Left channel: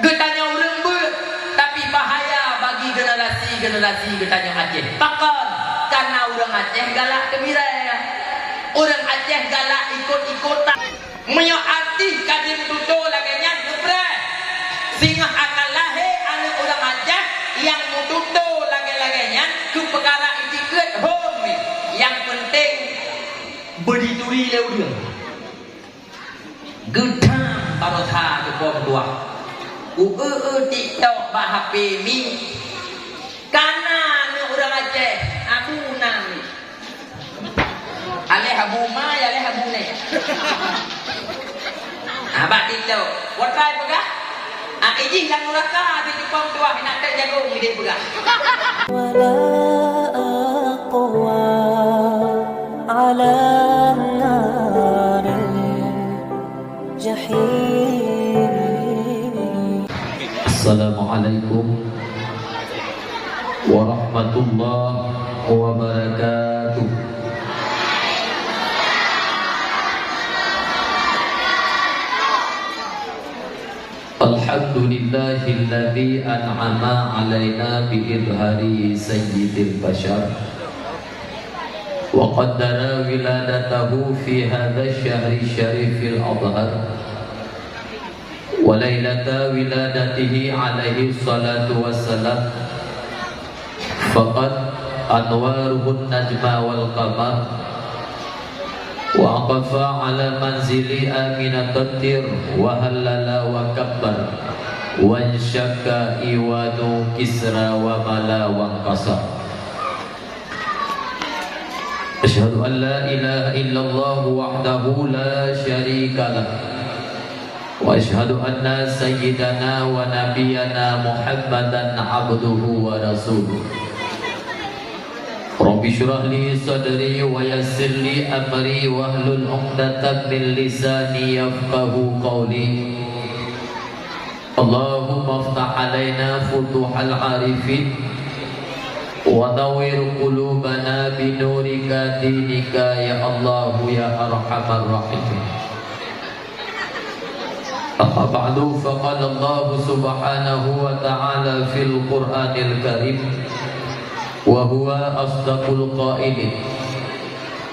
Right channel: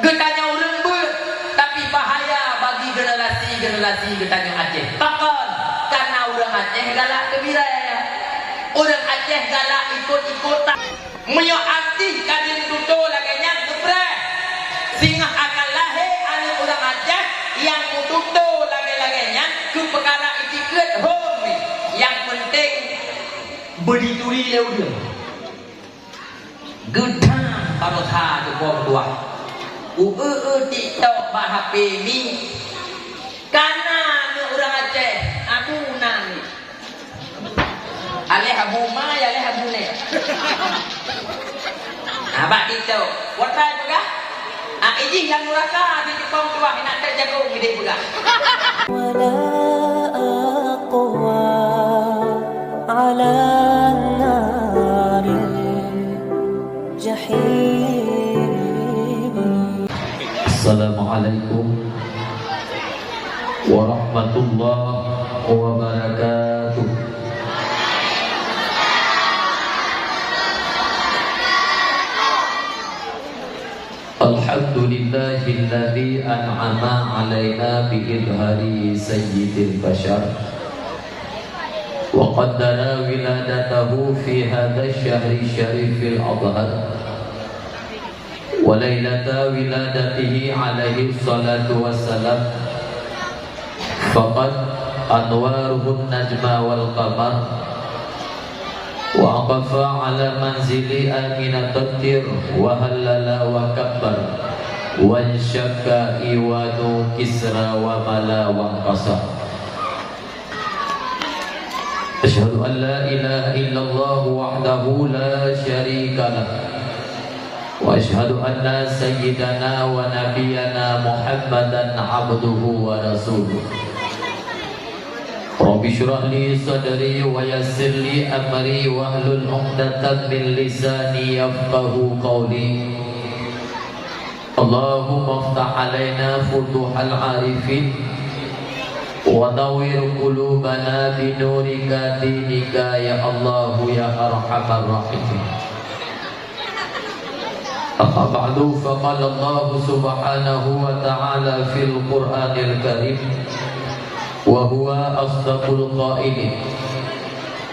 Getanya orang ber, tapi bahaya bagi generasi getanya Aceh. Takkan karena orang Aceh galak gembira. Orang Aceh galak ikut-ikutan. Menyoati kadin tuto laganya ngebret. Sehingga akan lahir anak orang Aceh yang mututo lagi-laginya ke perkara itikret home. Yang penting berdiri dia. Gedang barokah tu kau tua. TikTok bah HP ni. Karena orang Aceh Abu Nami. Aleh Abu Mai, aleh Abu Ne. Abang TikTok. Buat try pegah? Ijih yang nuraka di kau tua nak terjaga dia pegah. Wala aqwa ala nari jahim. Assalamualaikum warahmatullahi wabarakatuh. Alhamdulillahilladzi an'ama alaina bi'idhari sayyidil bashar wa qaddara wiladatahu fi hadha syahri syarifil adhar wa lailata wiladatihi alaihi salatu wassalam faqad anwaruhun najma wal qamar wa aqafa ala manzili aminatir wa halala wa kabbar wa syakka iwanu kisra wa mala wa qasa. Asyhadu an la ilaha illallah wahdahu la syarika lah wa asyhadu anna sayyidana wa nabiyyana Muhammadan abduhu wa rasuluh. Rabbi syrah li sadri wa yassir li amri wahlul 'uqdatam min lisani yafqahu qawli. Allahumma iftah 'alaina futuhal 'arifin wa nawwir qulubana bi nurika dinika ya Allah ya arhamar rahimin. Amma ba'du, faqala Allah subhanahu wa ta'ala fil Qur'anil Karim wa huwa asdaqul qailin.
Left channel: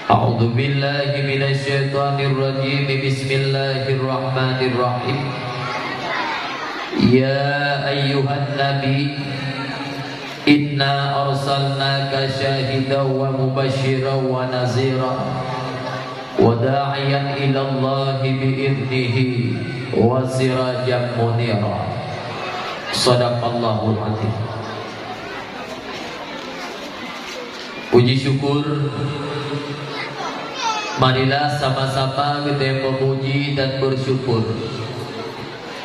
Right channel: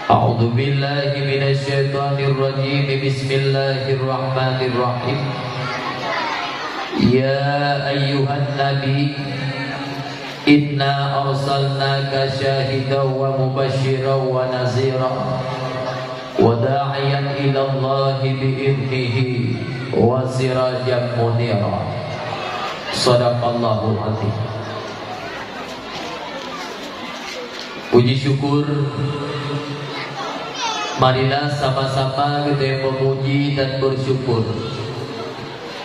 A'udzu billahi minasy syaithanir rajim. Bismillahirrahmanirrahim. Ya ayyuhan nabi inna arsalnaka syahidan wa mubasysyiran wa naziran wa da'iyan ila Allah bi'idnihi wa sirajan munira. Shadaqallahul azim. Puji syukur, marilah sama-sama kita memuji dan bersyukur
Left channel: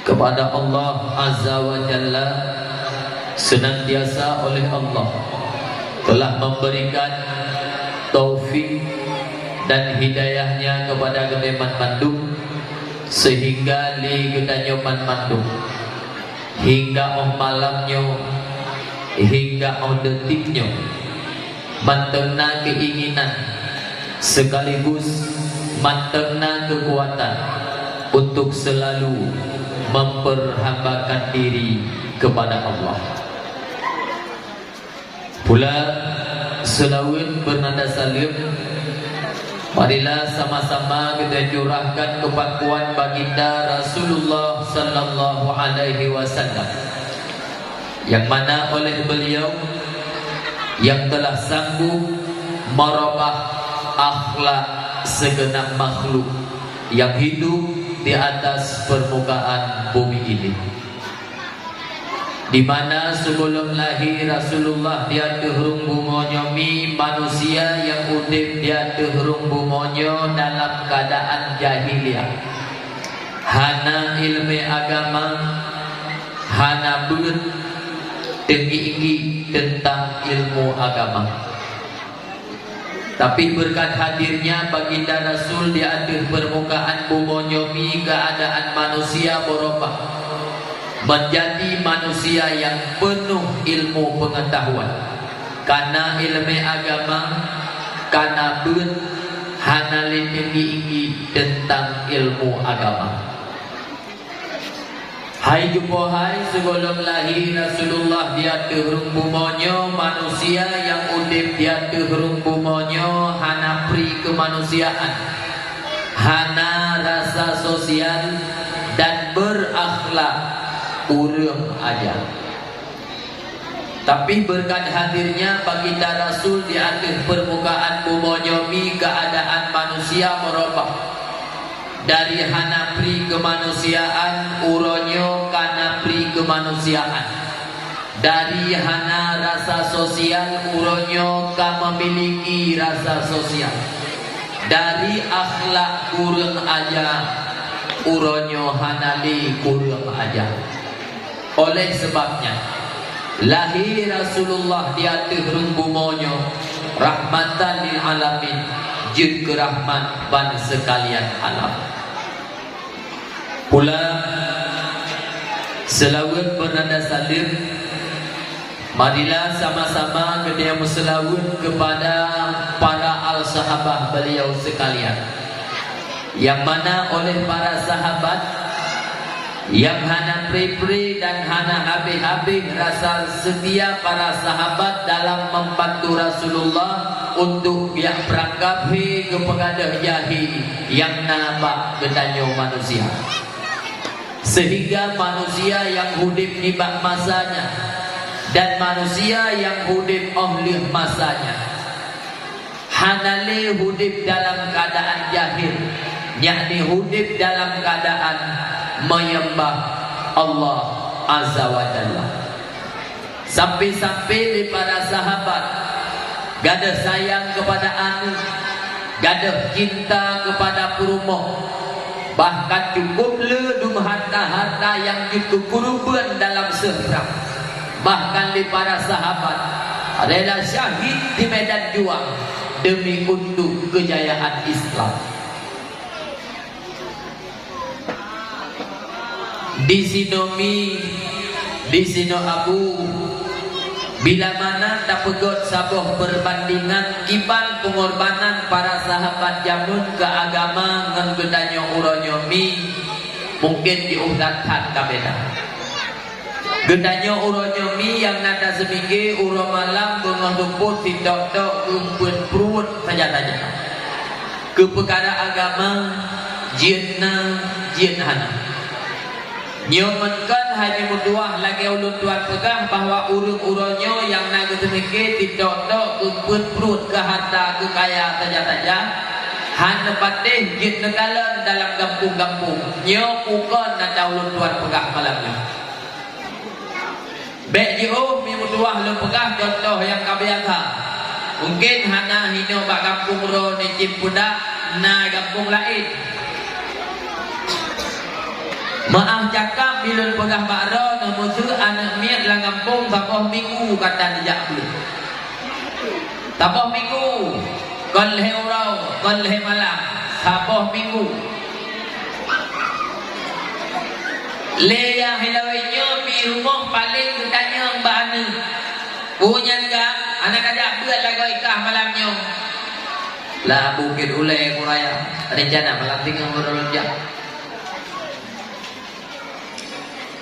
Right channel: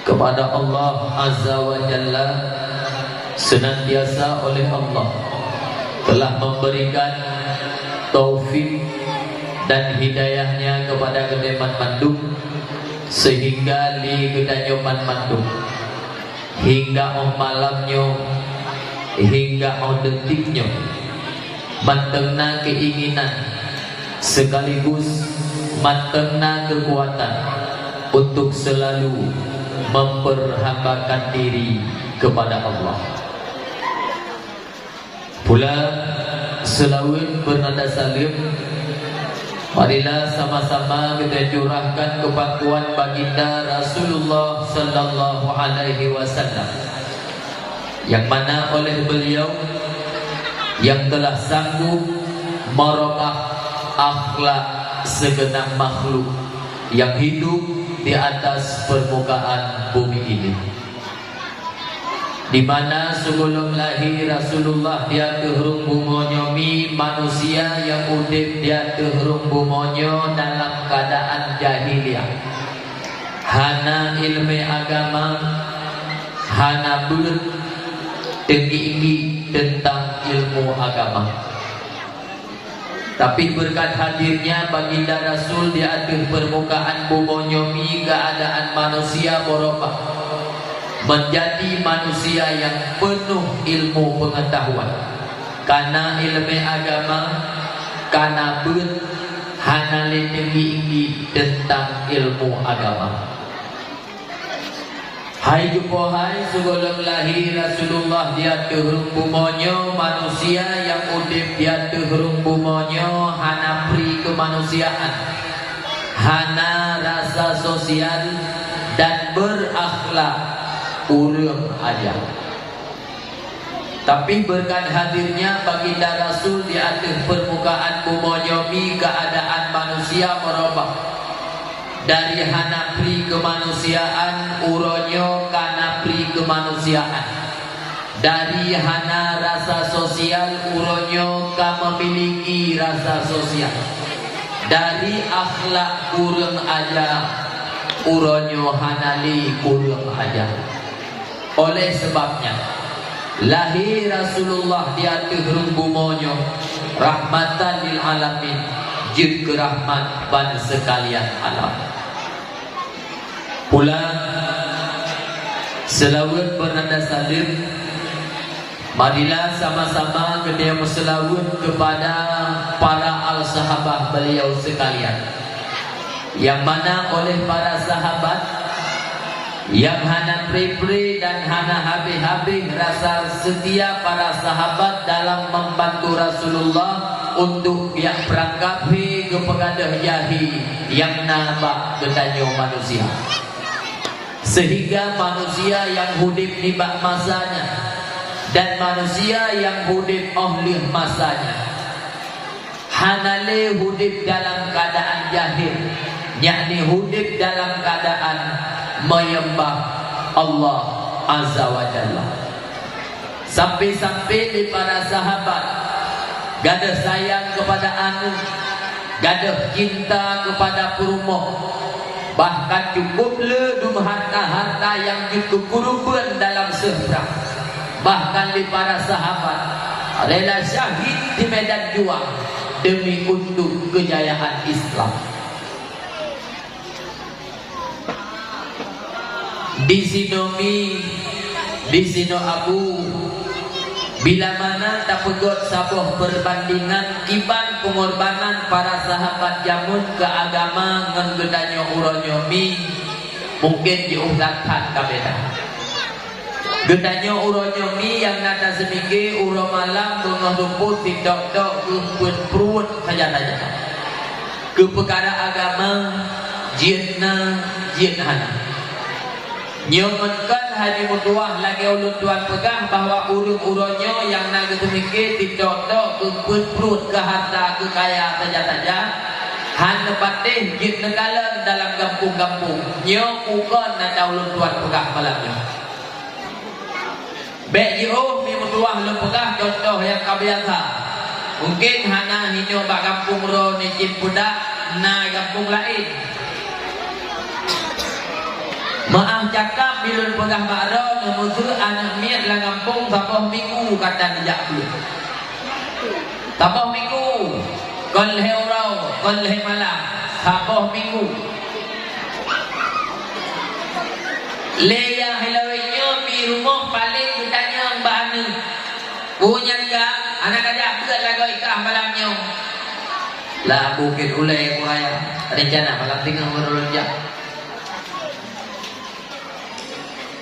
kepada Allah Azza wa Jalla. Senantiasa oleh Allah telah memberikan taufik dan hidayahnya kepada kedeman mandum, sehingga li kita nyoman mandum hingga malamnya, hingga detiknya mantengna keinginan sekaligus mantengna kekuatan untuk selalu memperhambakan diri kepada Allah. Pula selawat bernada salim, marilah sama-sama kita curahkan kepakuan baginda Rasulullah sallallahu alaihi wasallam, yang mana oleh beliau yang telah sanggup merubah akhlak segenap makhluk yang hidup di atas permukaan bumi ini, di mana sebelum lahir Rasulullah dia terhurung bungonyo mi manusia yang udip dia terhurung bungonyo dalam keadaan jahiliyah, hana ilmu agama, hana ber tinggi tentang ilmu agama. Tapi berkat hadirnya baginda Rasul di akhir permukaan bumi, keadaan manusia berubah menjadi manusia yang penuh ilmu pengetahuan. Karena ilmu agama, karena hana tinggi tentang ilmu agama. Hai jumpa hai sebelum lahir Rasulullah dia terung bumonyo manusia yang udip dia terung bumonyo hana pri kemanusiaan, hana rasa sosial dan berakhlak urang aja. Tapi berkat hadirnya baginda Rasul di atas permukaan bumonyo mi keadaan manusia merubah. Dari hana pri kemanusiaan uronyo kana pri kemanusiaan. Dari hana rasa sosial uronyo ka memiliki rasa sosial. Dari akhlak kurang aja uronyo hanali kurang aja. Oleh sebabnya lahir Rasulullah di atas rumbumonyo rahmatan lil alamin jeung rahmat ban sekalian alam. Pula selawat bernada salim, marilah sama-sama kita berselawat kepada para al-sahabah beliau sekalian, yang mana oleh para sahabat yang hana pri-pri dan hana habis-habis rasa setia para sahabat dalam membantu Rasulullah untuk biak perangkapi kepada jahi yang nabak kedanyo manusia. Sehingga manusia yang hudip nibak masanya dan manusia yang hudip oleh masanya hanale hudip dalam keadaan jahil, yakni hudip dalam keadaan menyembah Allah Azza wa Jalla. Sampai-sampai di para sahabat gada sayang kepada anu, gada cinta kepada perumoh, bahkan cukup ledum harta-harta yang dikukurban dalam seberang. Bahkan di para sahabat adalah syahid di medan juang demi untuk kejayaan Islam. Di sino Abu bila mana tak pegot sabuh perbandingan iban pengorbanan para sahabat jamun ke agama ngan gedanyo uronyo mi mungkin diuhdatkan kabeda. Gedanyo uronyo mi yang nada seminggu uro malam bengah rumput tidak-tidak rumput perut saja-saja. Ke perkara agama jienna jienhana. Nyomankan haji mutuah lagi ulun tuan pegang bahwa urung-urungnya yang naga seminggu tidak-tidak rumput perut ke harta ke kaya saja-saja. Hanya patih jit negalan dalam kampung-kampung. Nyokukan nada ulun tuan pegang malamnya. Baik jauh mi mutuah ulun pegang contoh yang kabiasa. Mungkin hana hino bak kampung ro ni cimpudak na kampung lain. Maaf cakap bilun pegang bakro memusuh anak miat lang kampung sabah minggu kata nejak belum. Sabah minggu kon lehe urau, kon lehe malam, sabah minggu. Le yang hilawainya di rumah paling ditanya mbak Ani. Punya enggak anak ada berat lagu ikah malamnya. Lah bukit ulai kuraya rencana malam tinggal merolonjak.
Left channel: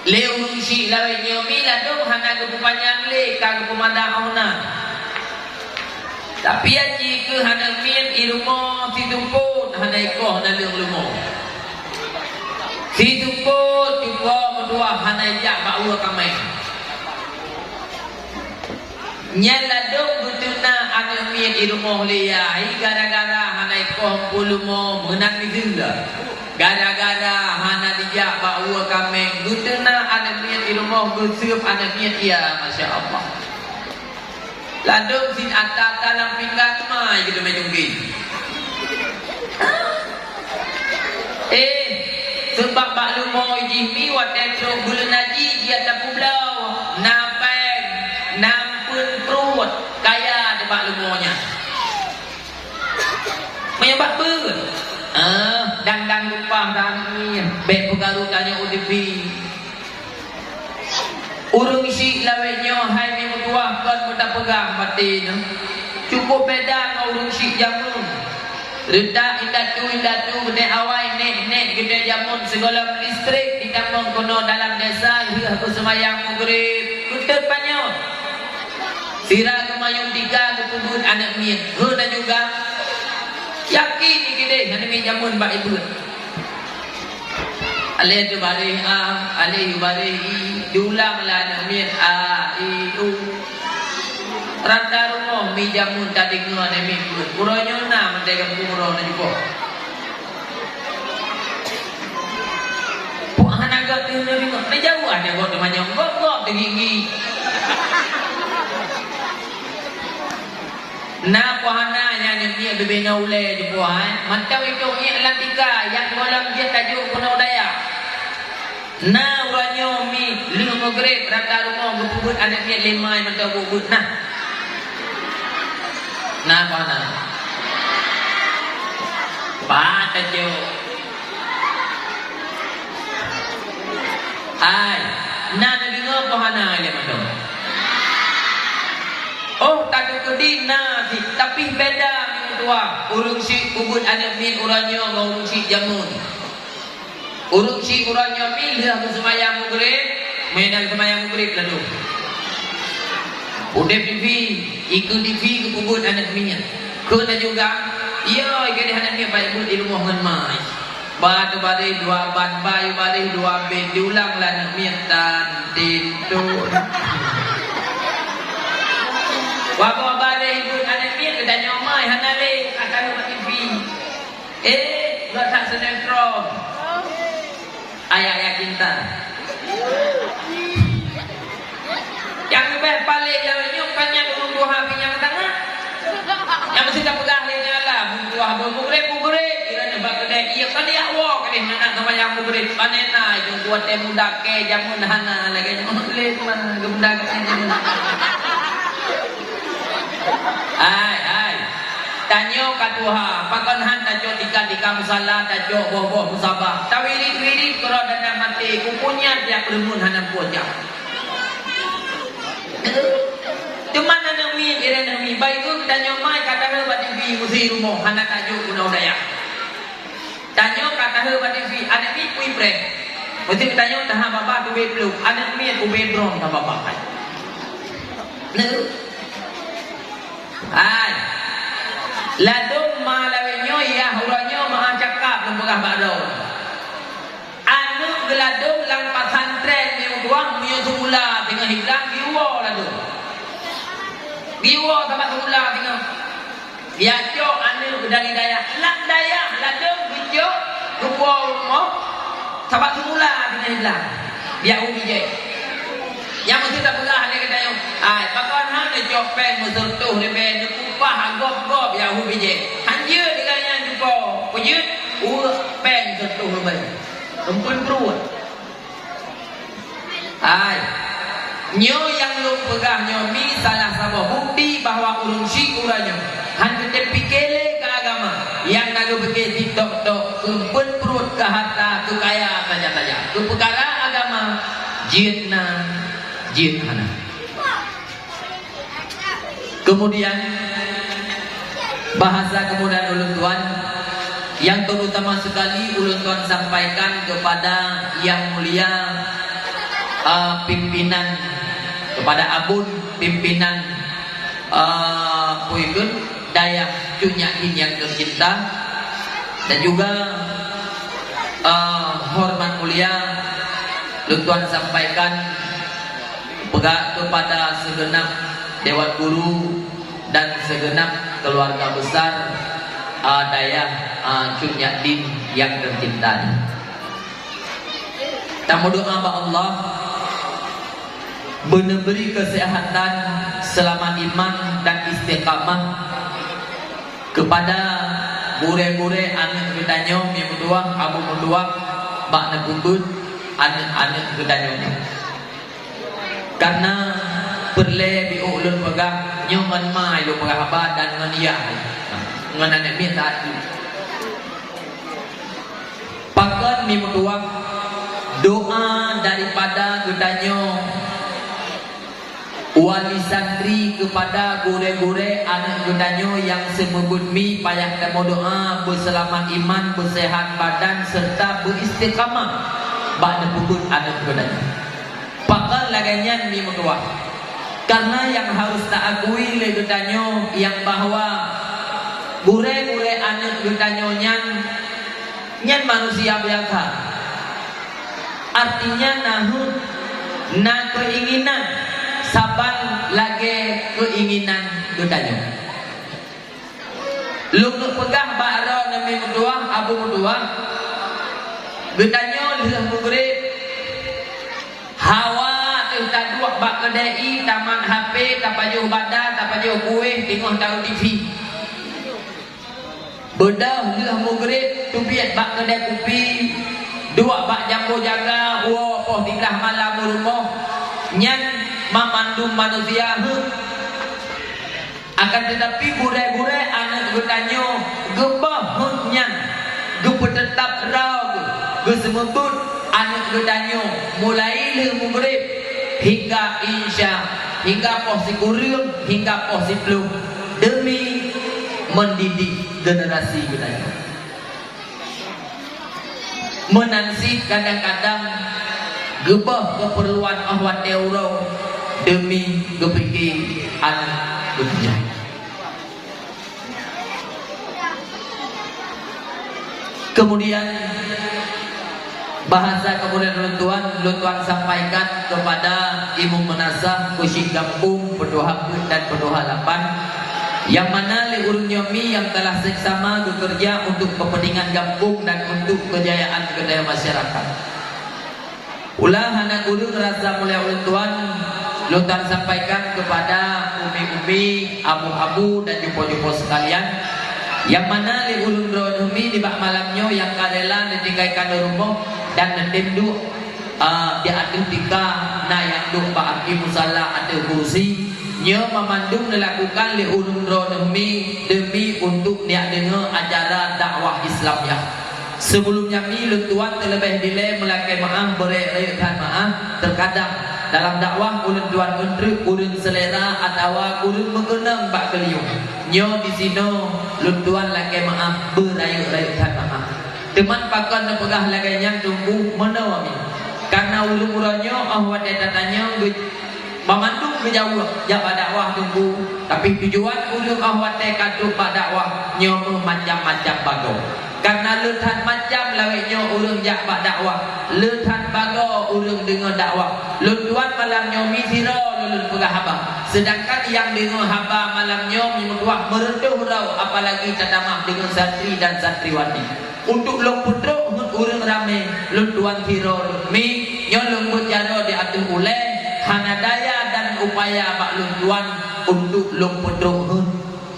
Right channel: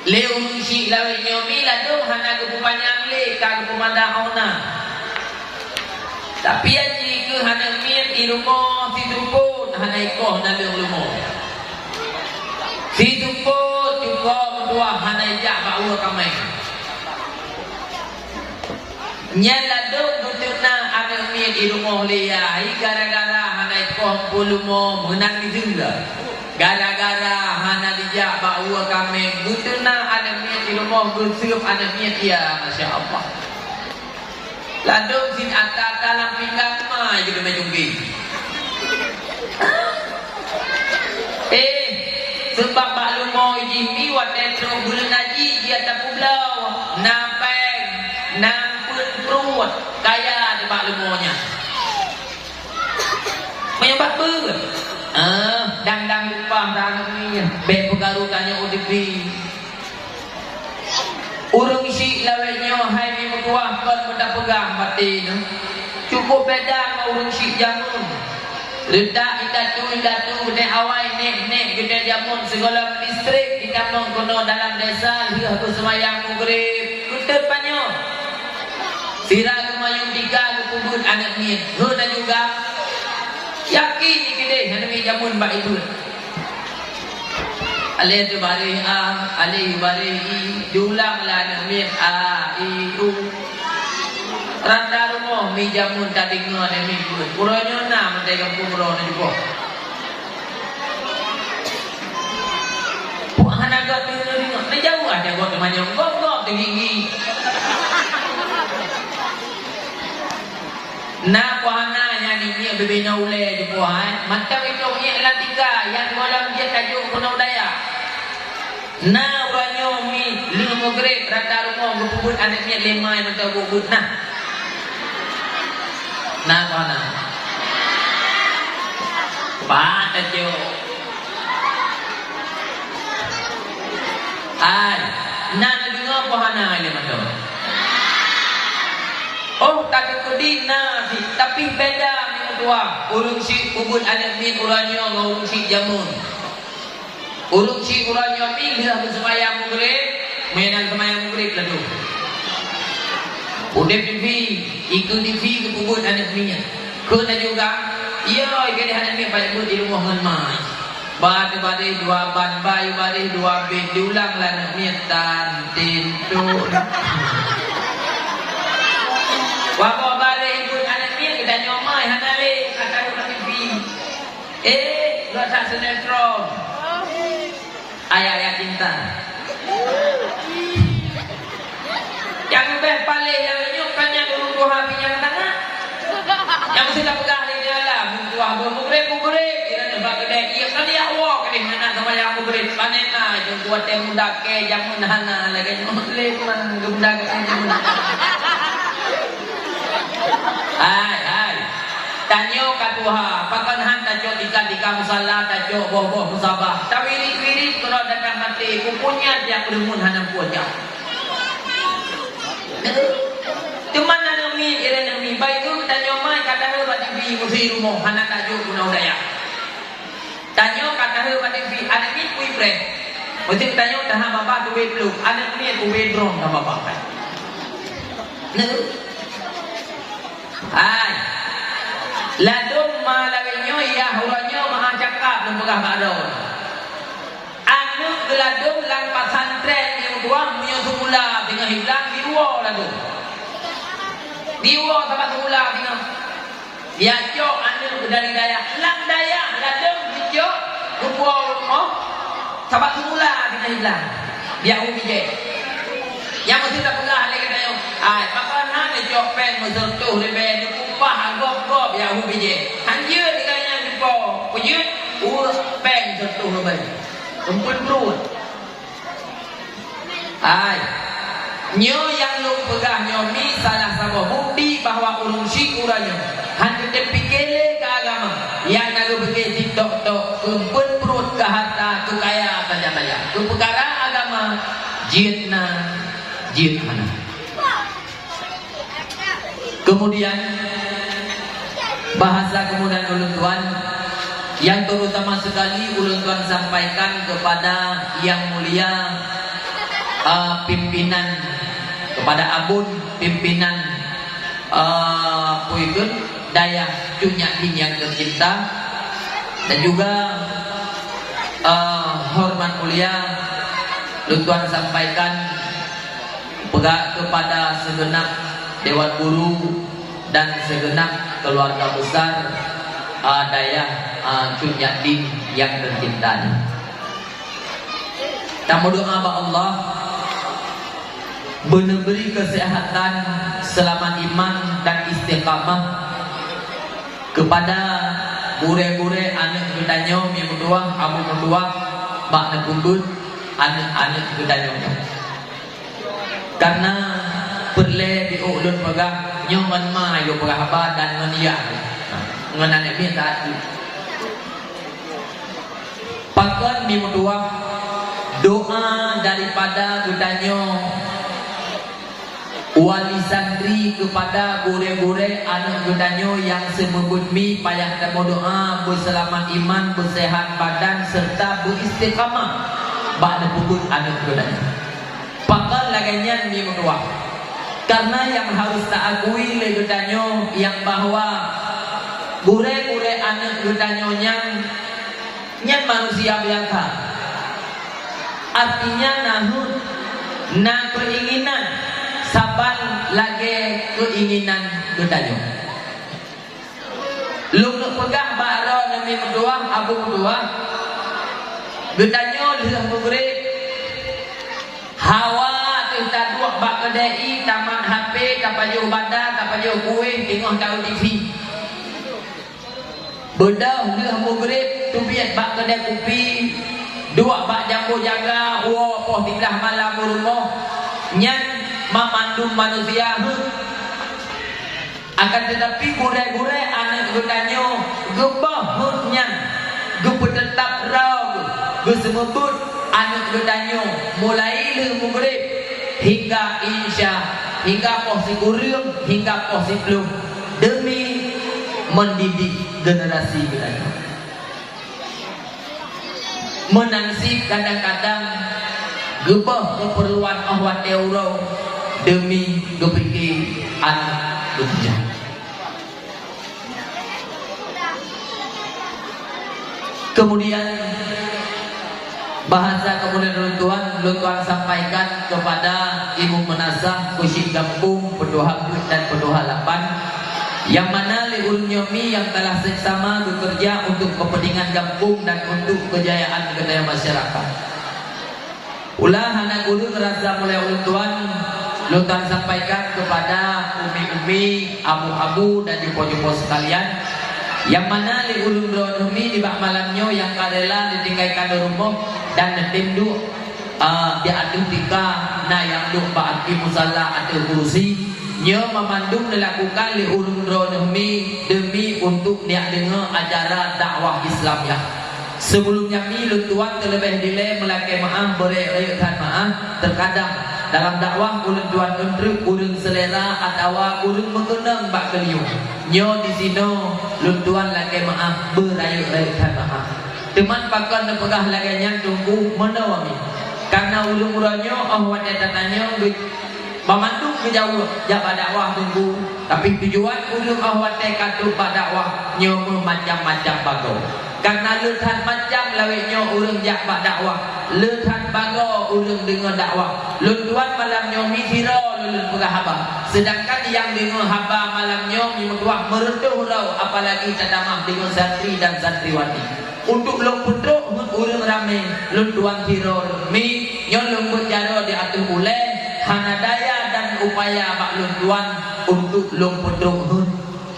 Leung si lawai nyomi lah dong hana kepupanyang le kang pemandang tapi aji ke hana mian di rumah si tumput hana ikoh na leung lumo si tumput ikoh berdua hana ijak ba'ua kamai nyala dong betulna hana mian di rumah liyai gara-gara hana ikoh pulumo menang di zingga. Gara-gara hana dijak bawa kami gudena anak niat di rumah gusup anak niat dia Masya Allah. Lalu sin atas dalam pinggan mah jadi menunggi. Sebab bak lumo ijini wadah teruk bulan haji dia tak pulau nampeng nampun perut kaya di bak lumonya. Menyebab ber. Dan lupa dan baik pengaruh tanya UDP urung isi lawainya hai ni mutuah kan mudah pegang batin cukup beda dengan urung isi jamun redak indatu gede awai nek gede jamun segala listrik kita menggunakan dalam desa Dah bersemayang maghrib kutut panyot. Sira kemayung tiga kepubut anak min. Huna juga yakin ni kita hana min jamun bak itu. Alih tu balik alih balik diulang lah anak min randa rumah mi jamun tak dengar ni min. Kurangnya na mentai kampung kurang ni juga. Puak hanaga tu ni ni jauh ada gok temannya gok tinggi. Na puana yang ni bebena ule di puan macam itu ni latika yang golong dia tajuk Gunung Dayak. Na uranyo mi lu maghrib rata rumah berpubut anak ni lima yang mentau bubut nah. Na puana. Pa tajuk. Ai, na dengar puana ile macam. Oh, tak kedi nasi, tapi beda minggu tua. Urung si ubud anak min uranyo dengan urung si jamun. Urung si uranyo min dah bersemayam maghrib, mainan semayam maghrib lalu. Udep TV, ikut TV ke ubud anak minnya. Kena juga, iya, ikut anak min baik bud di rumah menmai. Batu badai dua ban bayu badai dua bed diulang lah anak min dan tintu. Wapa balik ibu anak dia kedan nyomai hanale kata rumah TV. Gak tak sinetron. Ayat-ayat cinta. Yang lebih balik yang nyok tanya urung buah pinyang tangan. Yang mesti tak pegang ni nyala buah mugrib. Kira nyebab kedai. Iya kan dia awak ni mana sama yang mugrib. Panena yang buat temu dake jamun hana lagi mugrib mah gemdak jamun. Hai tanyo katuha pakan han tajo tika musala tajo boh musabah tawiri kalau dan mati kupunya dia bermun hanam puja cuma nami irenami baik tanyo mai kata hebat TV musi rumah hana tajo Gunung Dayak tanyo kata hebat TV anak ni kui brek mesti tanyo dah bapa tu belum anak ni ku bedrom dah bapa Hai ladum malawenyo ya huranyo maha cakap lembegah badau anu geladum lang pasantren yang tuang mio semula tengah hilang biwa ladum biwa sama semula tengah biaco anu dari daya lang daya ladum bijo rupa rumah sama semula tengah hilang biau bijai yang mesti tak pegang dia kata yo ai papan han ni jopen musuh ni ben kupah gop ya hu bije han ye diganya depo puyut pen tuh ben rumpun perut ai nyo yang lu pegang nyo mi salah sama bukti bahwa urung si uranyo han kita pikele ke agama yang naga bege tok rumpun perut ke harta ke kaya saja ke perkara agama jihad mana. Kemudian bahasa kemudian ulun tuan yang terutama sekali ulun tuan sampaikan kepada yang mulia pimpinan kepada abun pimpinan Puidun Dayak Cunyakin yang tercinta dan juga hormat mulia ulun tuan sampaikan kepada segenap Dewan Guru dan segenap keluarga besar Dayak Cunyakin yang tercinta. Kita berdoa kepada Allah memberi kesehatan selama iman dan istiqamah kepada bure-bure anak gedanyong yang berdua, abu berdua, bak nekubut anak gedanyong. Karena perle di ulun pegang nyoman mai lu berapa dan meniak nganan ni tak pangkat ni mutuak doa daripada gedanyo wali santri kepada gure-gure anak gedanyo yang semebut mi payah kamu doa berselamat iman bersehat badan serta beristiqamah bak nepubut anak gedanyo Pakal laganyan ni menguah. Karena yang harus tak akui le getanyo yang bahwa gure-gure anak getanyo nyan manusia biasa. Artinya nahut na keinginan saban lagi keinginan getanyo. Lu pegah baro nami menduang abu menduang. Getanyo dah murid hawa kita dua bak kedai taman HP tapajuh badan tapajuh kuih tengok tahu TV. Bedah dah murid tubiat bak kedai kopi dua bak jambu jaga wo poh tilah malam rumah nyan memandung manusia akan tetapi gure-gure anak getanyo gebah nyan gepe tetap raw gesemebut anak getanyo mulai le mugrib hingga insya hingga posi kurung hingga posi belum demi mendidik generasi getanyo. Menansi kadang-kadang gebah keperluan ahwat euro demi kepikir anak getanyo. Kemudian bahasa kemudian luntuan sampaikan kepada Ibu Menasah Kusyik Gampung Pedoha dan Pedoha 8 yang mana liur nyomi yang telah seksama bekerja untuk kepentingan Gampung dan untuk kejayaan budaya masyarakat. Ulah anak ulu terasa mulai luntuan sampaikan kepada umi-umi, abu-abu dan jumpo-jumpo sekalian yang mana di ulun rohmi di bak malamnya yang kadela ditinggalkan di rumah dan tentu di adu tika na yang duk bak di musalla atau kursi nyo memandung dilakukan di ulun rohmi demi untuk dia dengar acara dakwah Islam yang sebelumnya mi luntuan terlebih dile melakai maaf berayatan maaf terkadang dalam dakwah ulun tuan menteri ulun selera atau ulun mengenang bak keliung nyo di sino luntuan lagi maaf berayu-rayukan maaf teman pakon pegah laganya tunggu menawami karena ulun muranyo ahwat datanyo memandung ke jauh jabah dakwah tunggu tapi tujuan ulun ahwat kaduk bak dakwah nyo macam-macam bago karena letan macam lawetnya urang jak bak dakwah letan bago urang dengan dakwah luntuan malam nyomi tira lulun pegah haba sedangkan yang dengan haba malam nyomi metuah mereduh rau apalagi tadamah dengan santri dan santriwati untuk long putruk urang rame luntuan tira mi nyon lembut jaro diatur oleh hanadaya dan upaya bak luntuan untuk long putruk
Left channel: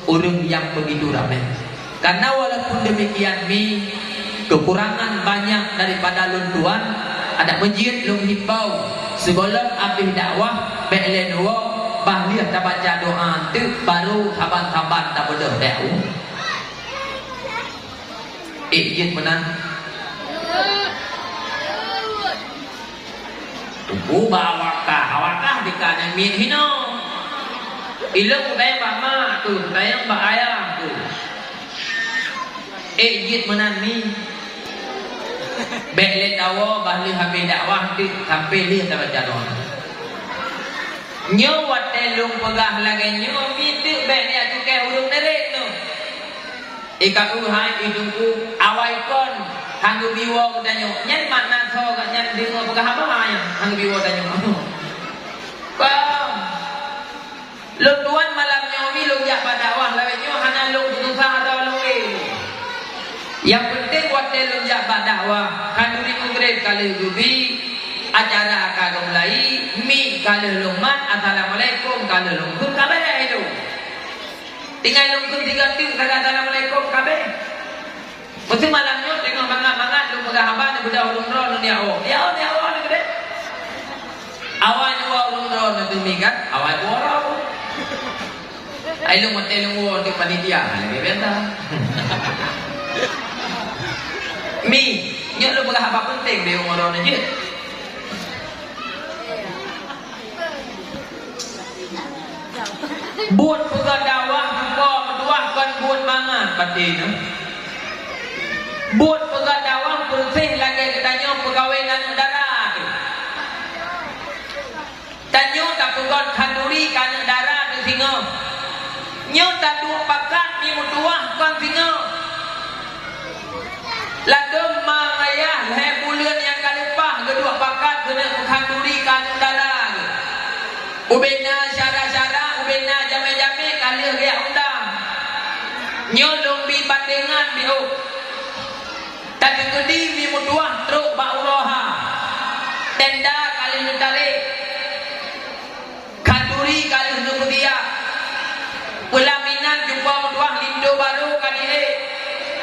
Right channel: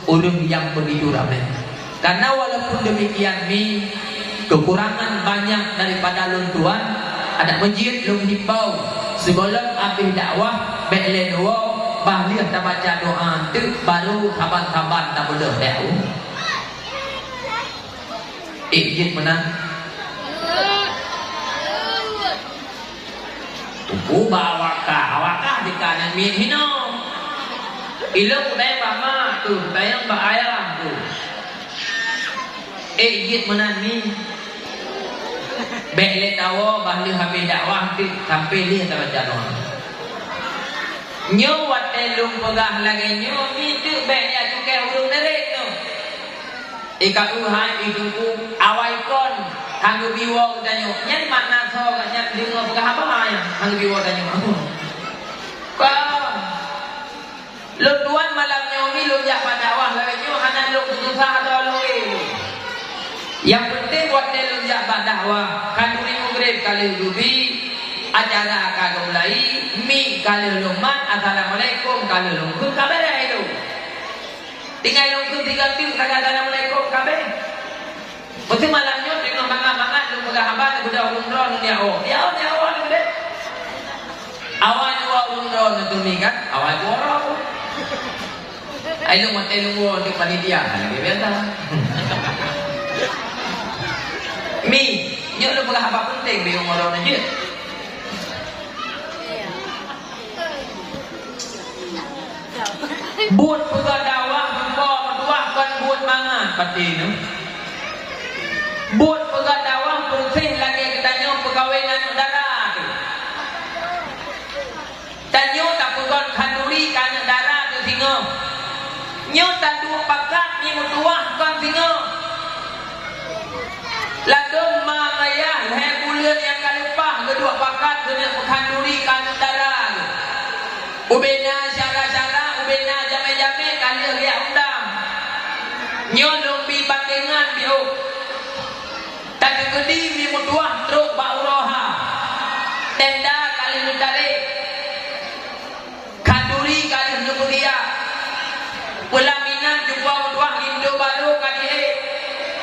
urang yang begitu ramai. Karena walaupun demikian mi kekurangan banyak daripada luntuan ada masjid lung himbau segolong abih dakwah beklen wo bahliah tak baca doa tu baru saban-saban tak bedah beu izin menang tubuh awakah di kanan mi hino ilmu daya bama tu daya bahaya tu izin menami bekle tawo bahli habis dakwah tu sampai dia tak baca doa nyo watelung pegah lagi nyo itu beknya cukai urung derek tu ika uhai idungku awai kon hanggu biwa udanyo nyan makna so nyan dingo pegah apa mai hanggu biwa udanyo bang luntuan malam nyomi lu jak dakwah lagi nyo hana lu susah atau lu yang penting buat dia lunjak bak dakwah kanduri murid kali rubi acara akan mulai mi kali lumat assalamualaikum kali lungkun kabar itu tinggal lungkun 3 ting kagak assalamualaikum kabar mesti malamnya tengok mangat-mangat lu mudah abang budak umroh dunia ya ni awal ni deh awal dua umroh tu mi kan awal borong ayo mesti lu untuk panitia dia dah mi, nyo lu pegah apa penting di umroh ni je. Buat pegah dakwah jumpa menduahkan buat mangan pati tu. Buat pegah dakwah bersih lagi katanya pegawai dan udara tu. Tanyo tak pegon kanduri kana darah ke singa. Nyo tak dua pakat ni mutuah kon singa. Ladong mangaya leher bulan yang kalupah kedua pakat kena kanduri kana darah. Ubena syara-syara, ubena jame-jame kali dia undang. Nyo lumbi bandengan biu. Tapi kedi ni mutuah truk bauroha. Tenda kali kali. Kanduri kali nubugia. Pelaminan jumpa mutuah Indo baru kali.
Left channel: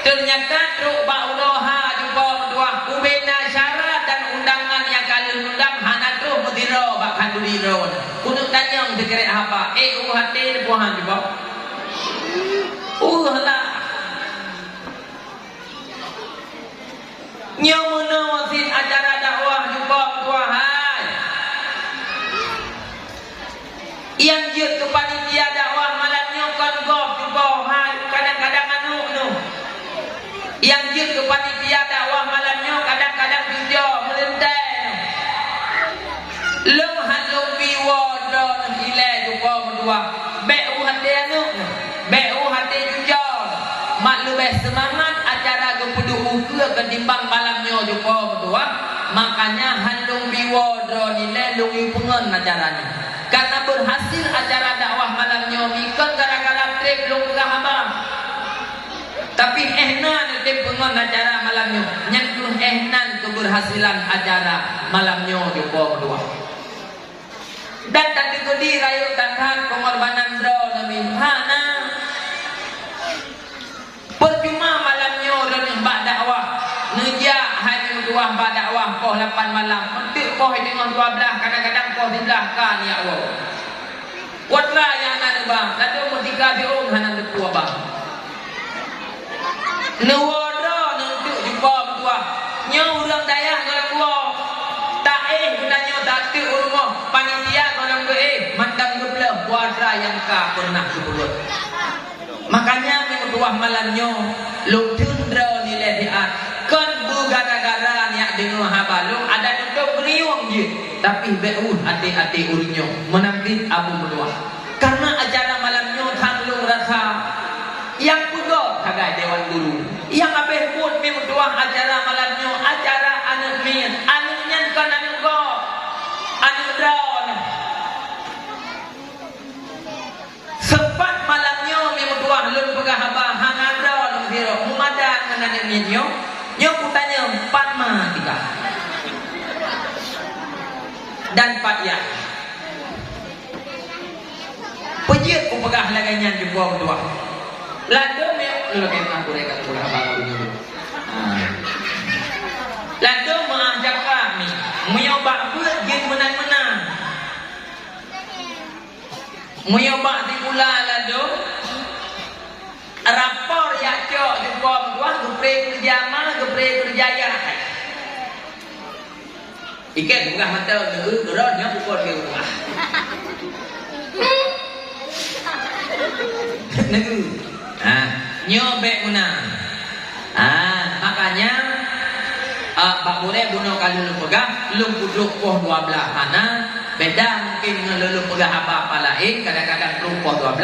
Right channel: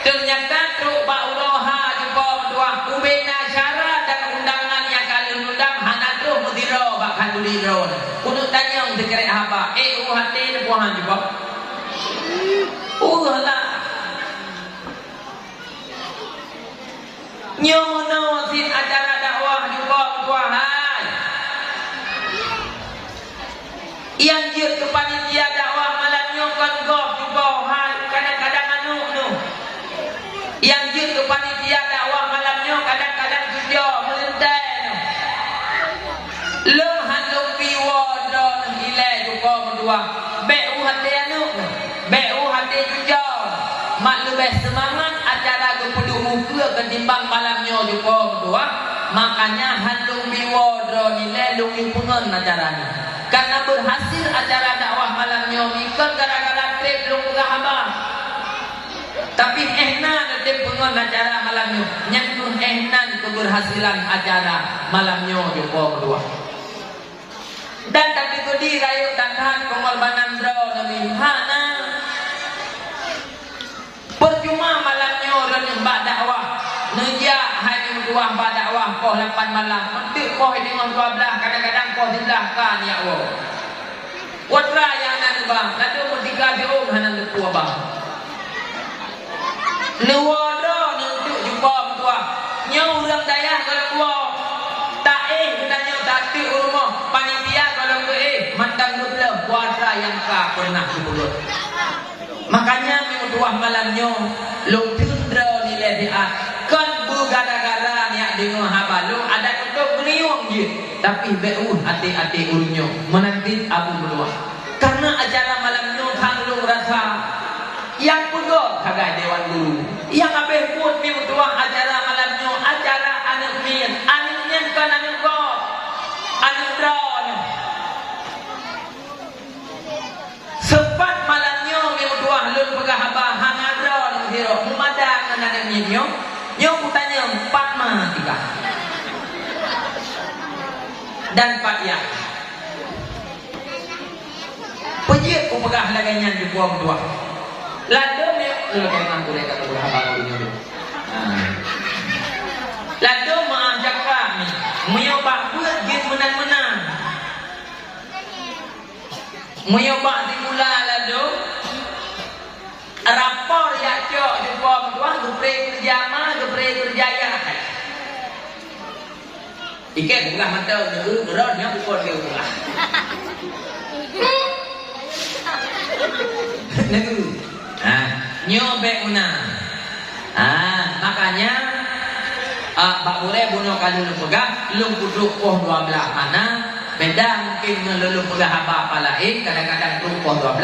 Ternyata truk bauroha jumpa mutuah ubena syarat dan undangan yang kali undang hana truk mudiro bak kanduri ron. Kudu tanyang dikira apa? Hati buahan jumpa. Lah. Nyo menawasin acara dakwah jumpa mutuah hai. Yang dia ke panitia dakwah malam nyo kan gop jumpa hai kadang-kadang anu nu. Yang dia ke panitia dakwah malam nyo kadang-kadang video melentai nu. Lung handung biwa dro nang ile jumpa mutuah. Beu hati anu nu. Beu hati juga. Mak lebih semangat acara kepudu muka ketimbang malamnya jumpa mutuah. Makanya handung biwa dro nilai lungi pengen acaranya. Karena berhasil acara dakwah malamnya ikut gara-gara trip lung abang. Tapi ehnan trip pengen acara malamnya. Nyentuh ehnan keberhasilan acara malamnya jumpa mutuah. Dan tadi kodi rayu takkan pengorbanan dro nami hana. Percuma malamnya orang mbak dakwah. Neja hanya mutuah mbak dakwah poh 8 malam. Mentik poh dengan 12 kadang-kadang poh 11 kan ya Allah. Watra yang nanu bang. Lalu mutiga biun hana lepu bang. Nuwadro nentuk jumpa mutuah. Nyo urang daya kalau kuah. Tak gunanya tak tu rumah. Panitia kalau ke mandang dua watra yang ka pernah dibuat. Makanya mutuah malamnya lung tundra nilai dia kan bu gara-gara niat dengar habalu ada untuk beriung je tapi beu hati-hati ulunyo menanti abu mutuah karena acara malamnya tanglung rasa yang pegot hagai dewan guru yang abeh pun mutuah acara malamnya acara anak min anaknya kan anak god anak drawn sempat malamnya mutuah lun pegah abah hangadra nang hiro mumadan nanan nyo nyo kutanya 4 mah 3 dan 4 ya pejit ku pegah lagainya jumpa mutuah lado me lagi mangku reka pegah abah nyo lado mengajak kami menyoba buat gin menang-menang menyoba di pula lado rapor ya cok jumpa mutuah gepre kerjama gepre kerjaya ikat bukan mata geronnya pukul dia bukan negu nyobek menang makanya Pak boleh bunuh kalau lu pegang lu puduk poh 12 mana beda mungkin ngelulu pegang apa lain kadang-kadang lu poh 12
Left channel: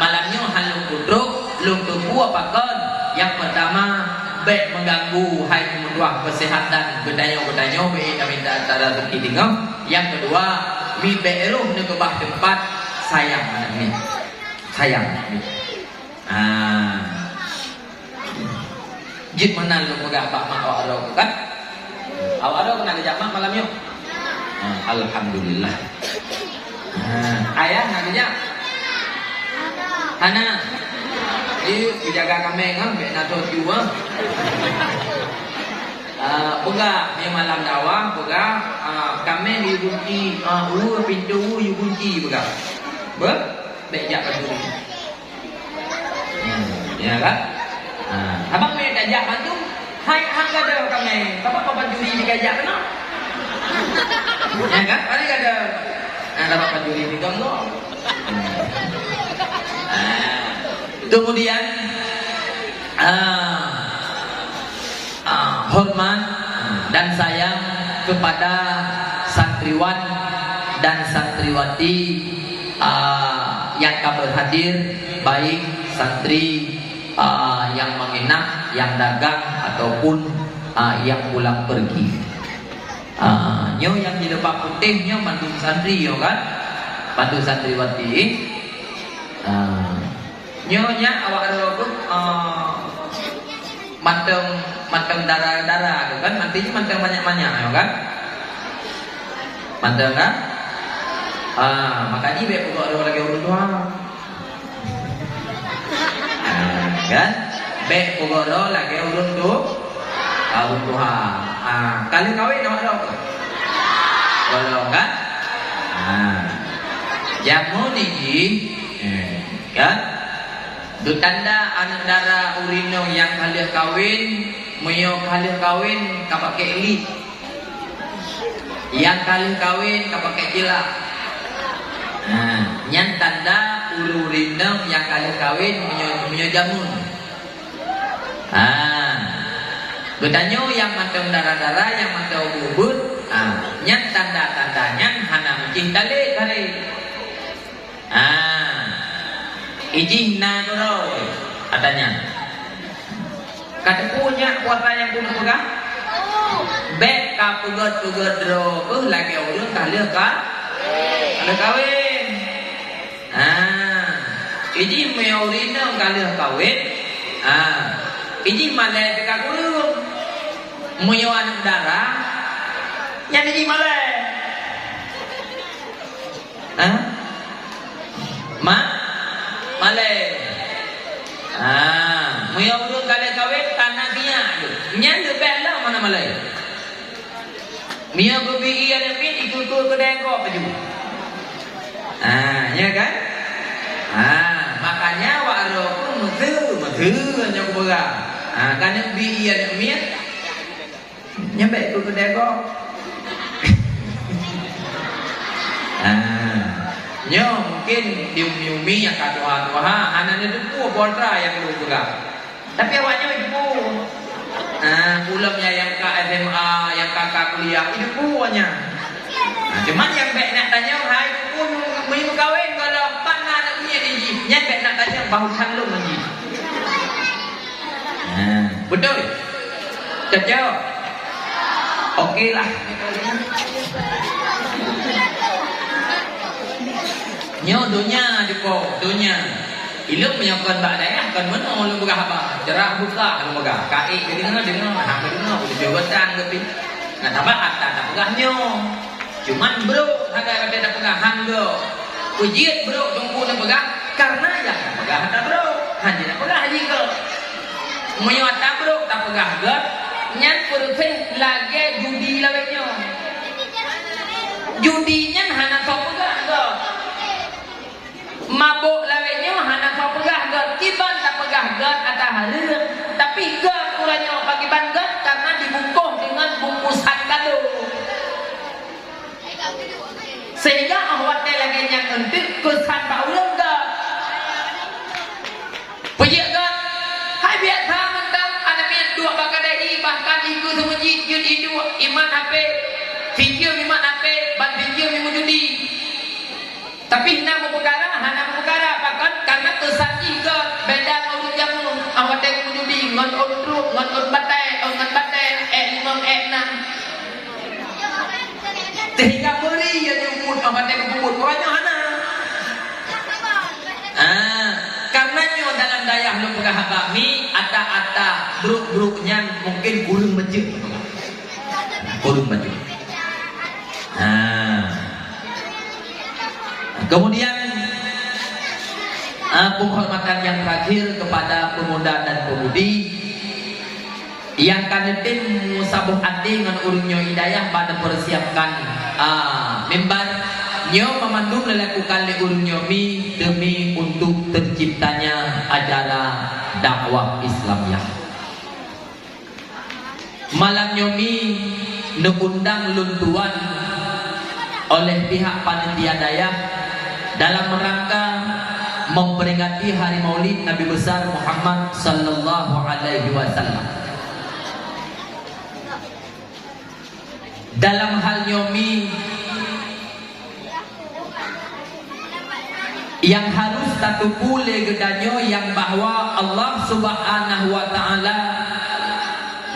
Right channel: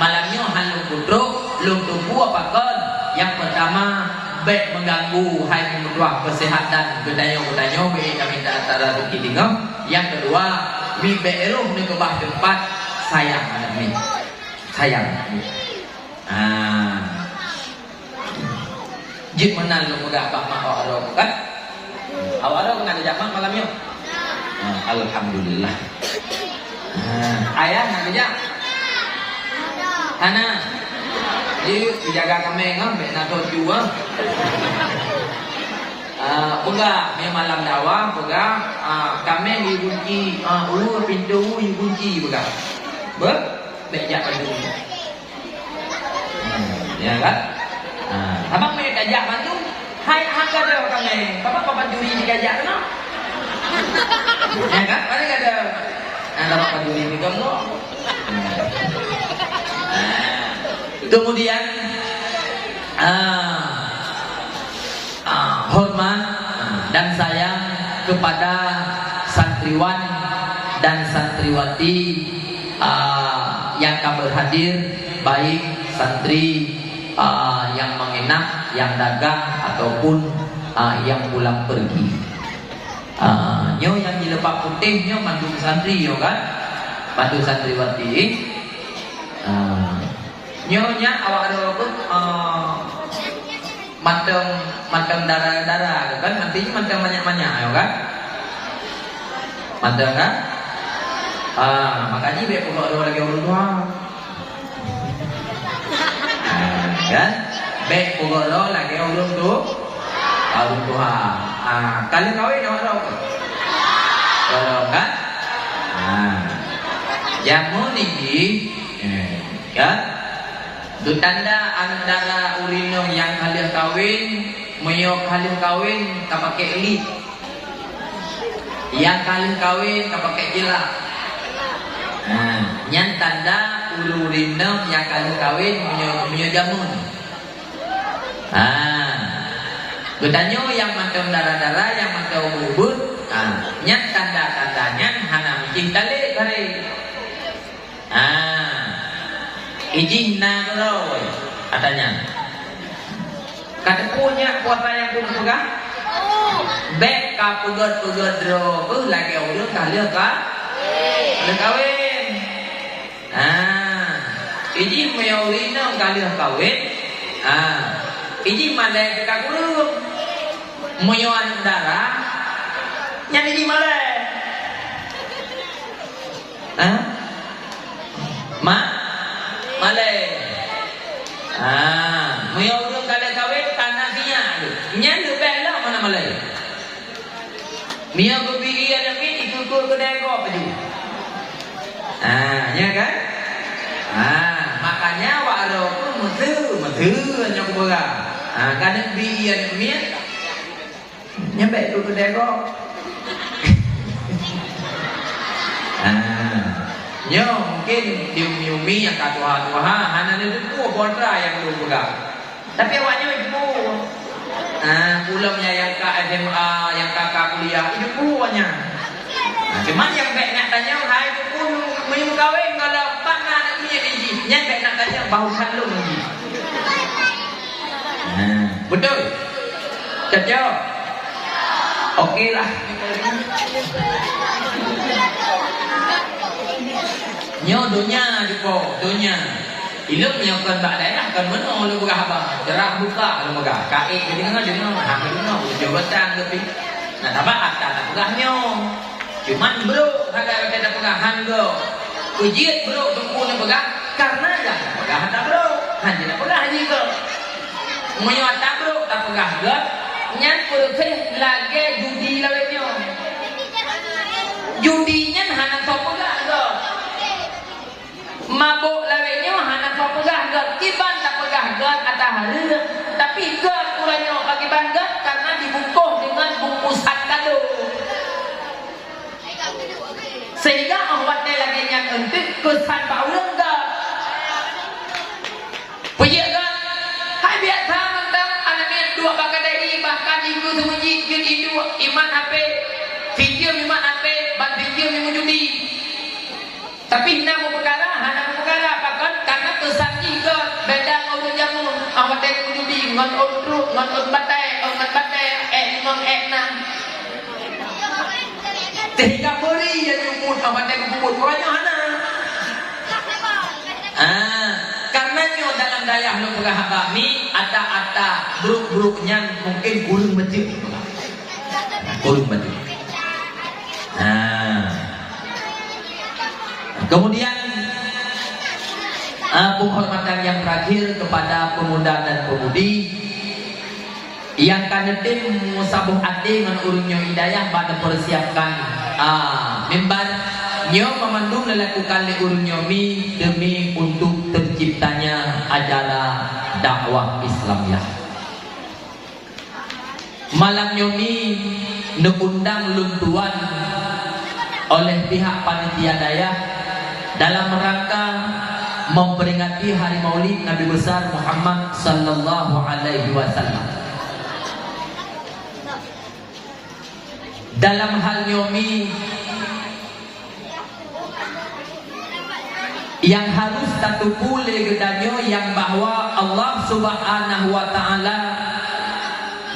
malamnya halu puduk lu tunggu apa kan yang pertama baik mengganggu hai mutuah kesehatan bedanya be minta antara bukti tinggal yang kedua mi beruh ni kebah tempat sayang anak mi sayang jik menang lu mudah pak mak awak kan awak kena dijamak malamnya alhamdulillah ayah nak bijak anak dijaga kami ngambil nato jua pega yang malam dakwah pega kami dikunci pintu dikunci pega ber bejak baju ya kan abang me gajak bantu hai angka dah kami apa penjuri digajak kena ya kan ada ada apa penjuri diganggu kemudian hormat dan sayang kepada santriwan dan santriwati yang kami hadir, baik santri yang menginap, yang dagang ataupun yang pulang pergi. Nyo yang di lepak putih nyo bantu santri yo kan, bantu santriwati. Nyo nya awak ada pun manteng darah kan, mantinya manteng banyak yo kan, manteng kan. Makanya biar pokok ada lagi urut tua, kan? Biar pokok ada lagi urut tua. Kalian kawin awak ada apa? Kalau kan? Jamu ni, kan? Tanda anak darah urino yang kalian kawin, menyok kalian kawin, kapakai li. Yang kalian kawin, kapakai jila. Yang tanda urino yang kalian kawin, menyok jamun. Bertanya yang mantau darah-darah, yang mantau bubut, yang tanda-tandanya hana mesti tali kare. Izin na koroi, katanya. Kata punya kuota yang punya pegang, bek kapugot ro, lagi orang kalian kawin. Izin meyaurina kalian kawin. Izin mana dekat kurung, meyawan darah, yang ini malah. Malay. Meyaurun kalian kawin tanah dia tu. Nya tu bela mana malay. Mia gobi ada mi itu kedai kau apa juga. Ya kan? Makanya walau pun mesti nya aku pegang. Karena bi ada mi nyampe itu kedai kau. Nyo mungkin diumi yang katuha hana itu kontra yang lu pegang. Tapi awaknya itu pulamnya yang ke SMA, yang kakak kuliah itu puanya. Cuman yang baik nak tanya hai pun menyum kawin kalau pana naknya ni. Yang baik nak tanya bahusan lu lagi. Betul. Cocok. Okeylah. Nyo dunia dipo, dunia. Ilmu menyokon bak daerah kan mana lu berapa? Cerah buka lu megah. Kaik di mana di mana? Hak di mana? Jabatan tapi. Tambah atas tak pegahnya. Cuman bro, ada tak pegahan go. Ujiat bro tunggu nak pegah karena yang tak pegah tak bro. Hanya nak pegah haji go. Menyuat tak bro tak pegah go. Nyan purfeh lagi judi lawenya. Judinya hana tak pegah go. Mabuk lawenya hana kau pegah gat, kiban tak pegah gat atas hari, tapi gat kurangnya bagi banget karena dibungkus dengan bungkusan kado. Sehingga awatnya lagi yang untuk kesan bauran gat. Punya gat, hai biasa mentang anaknya dua bakadai bahkan itu semuji jadi dua iman apa, video iman apa, ban video iman judi. Tapi hina perkara, bahkan karena kesaki ke beda orang jamu, awak tengok judi, ngon ondru, ngon batai, ngon enam. Sehingga beri yang nyumput, awak tengok nyumput, orangnya hana. Karenanya dalam daya lu pegah kami, ata buruk-buruknya mungkin gulung masjid, gulung masjid. Kemudian penghormatan yang terakhir kepada pemuda dan pemudi yang kanetin musabuh ati dengan urungnya hidayah pada persiapkan mimbar nyo memandu melakukan urungnya mi demi untuk terciptanya acara dakwah Islamiyah. Malam nyomi neundang luntuan oleh pihak panitia daya dalam rangka memperingati hari Maulid Nabi besar Muhammad sallallahu alaihi wasallam. Dalam hal nyomi yang harus tatu pule gedanyo yang bahwa Allah Subhanahu wa taala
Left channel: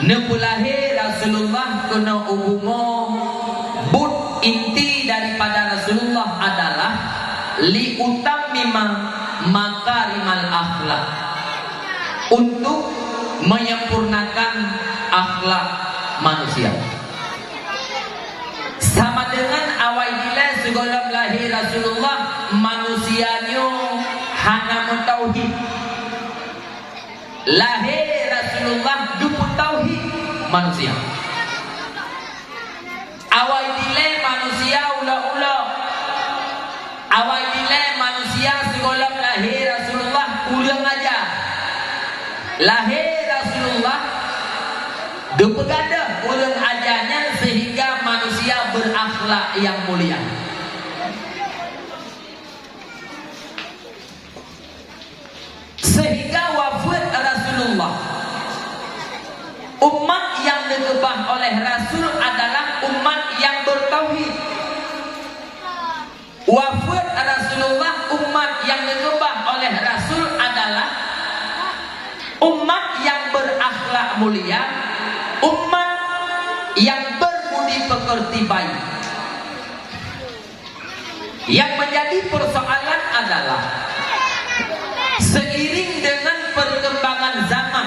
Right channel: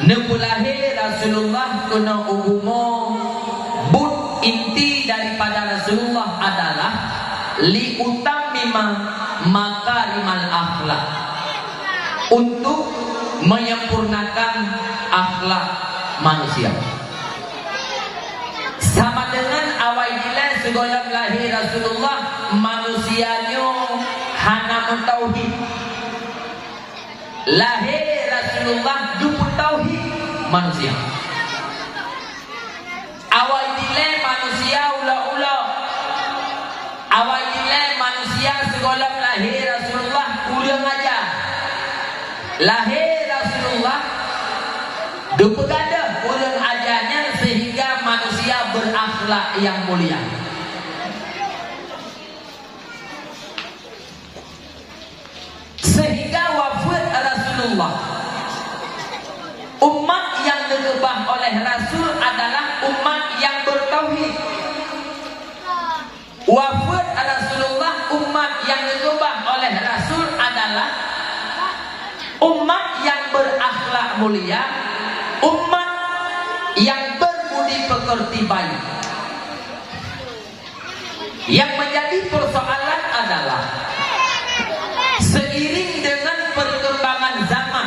nepulahe Rasulullah kuna ubumo but inti daripada Rasulullah adalah li utammima makarimal akhlak, untuk menyempurnakan akhlak manusia. Sama dengan awal bila segala lahir Rasulullah manusianya hanya mentauhid. Lahir Rasulullah duput tauhid manusia. Awal bila manusia ula-ula. Awal bila manusia segala lahir Rasulullah ulang aja. Lahir Rasulullah dupegada ulang ajarnya sehingga manusia berakhlak yang mulia. Sehingga wafat Rasulullah, umat yang diubah oleh Rasul adalah umat yang bertauhid. Wafat Rasulullah, umat yang diubah oleh Rasul adalah umat yang berakhlak mulia, umat yang berbudi pekerti baik. Yang menjadi persoalan adalah seiring dengan perkembangan zaman,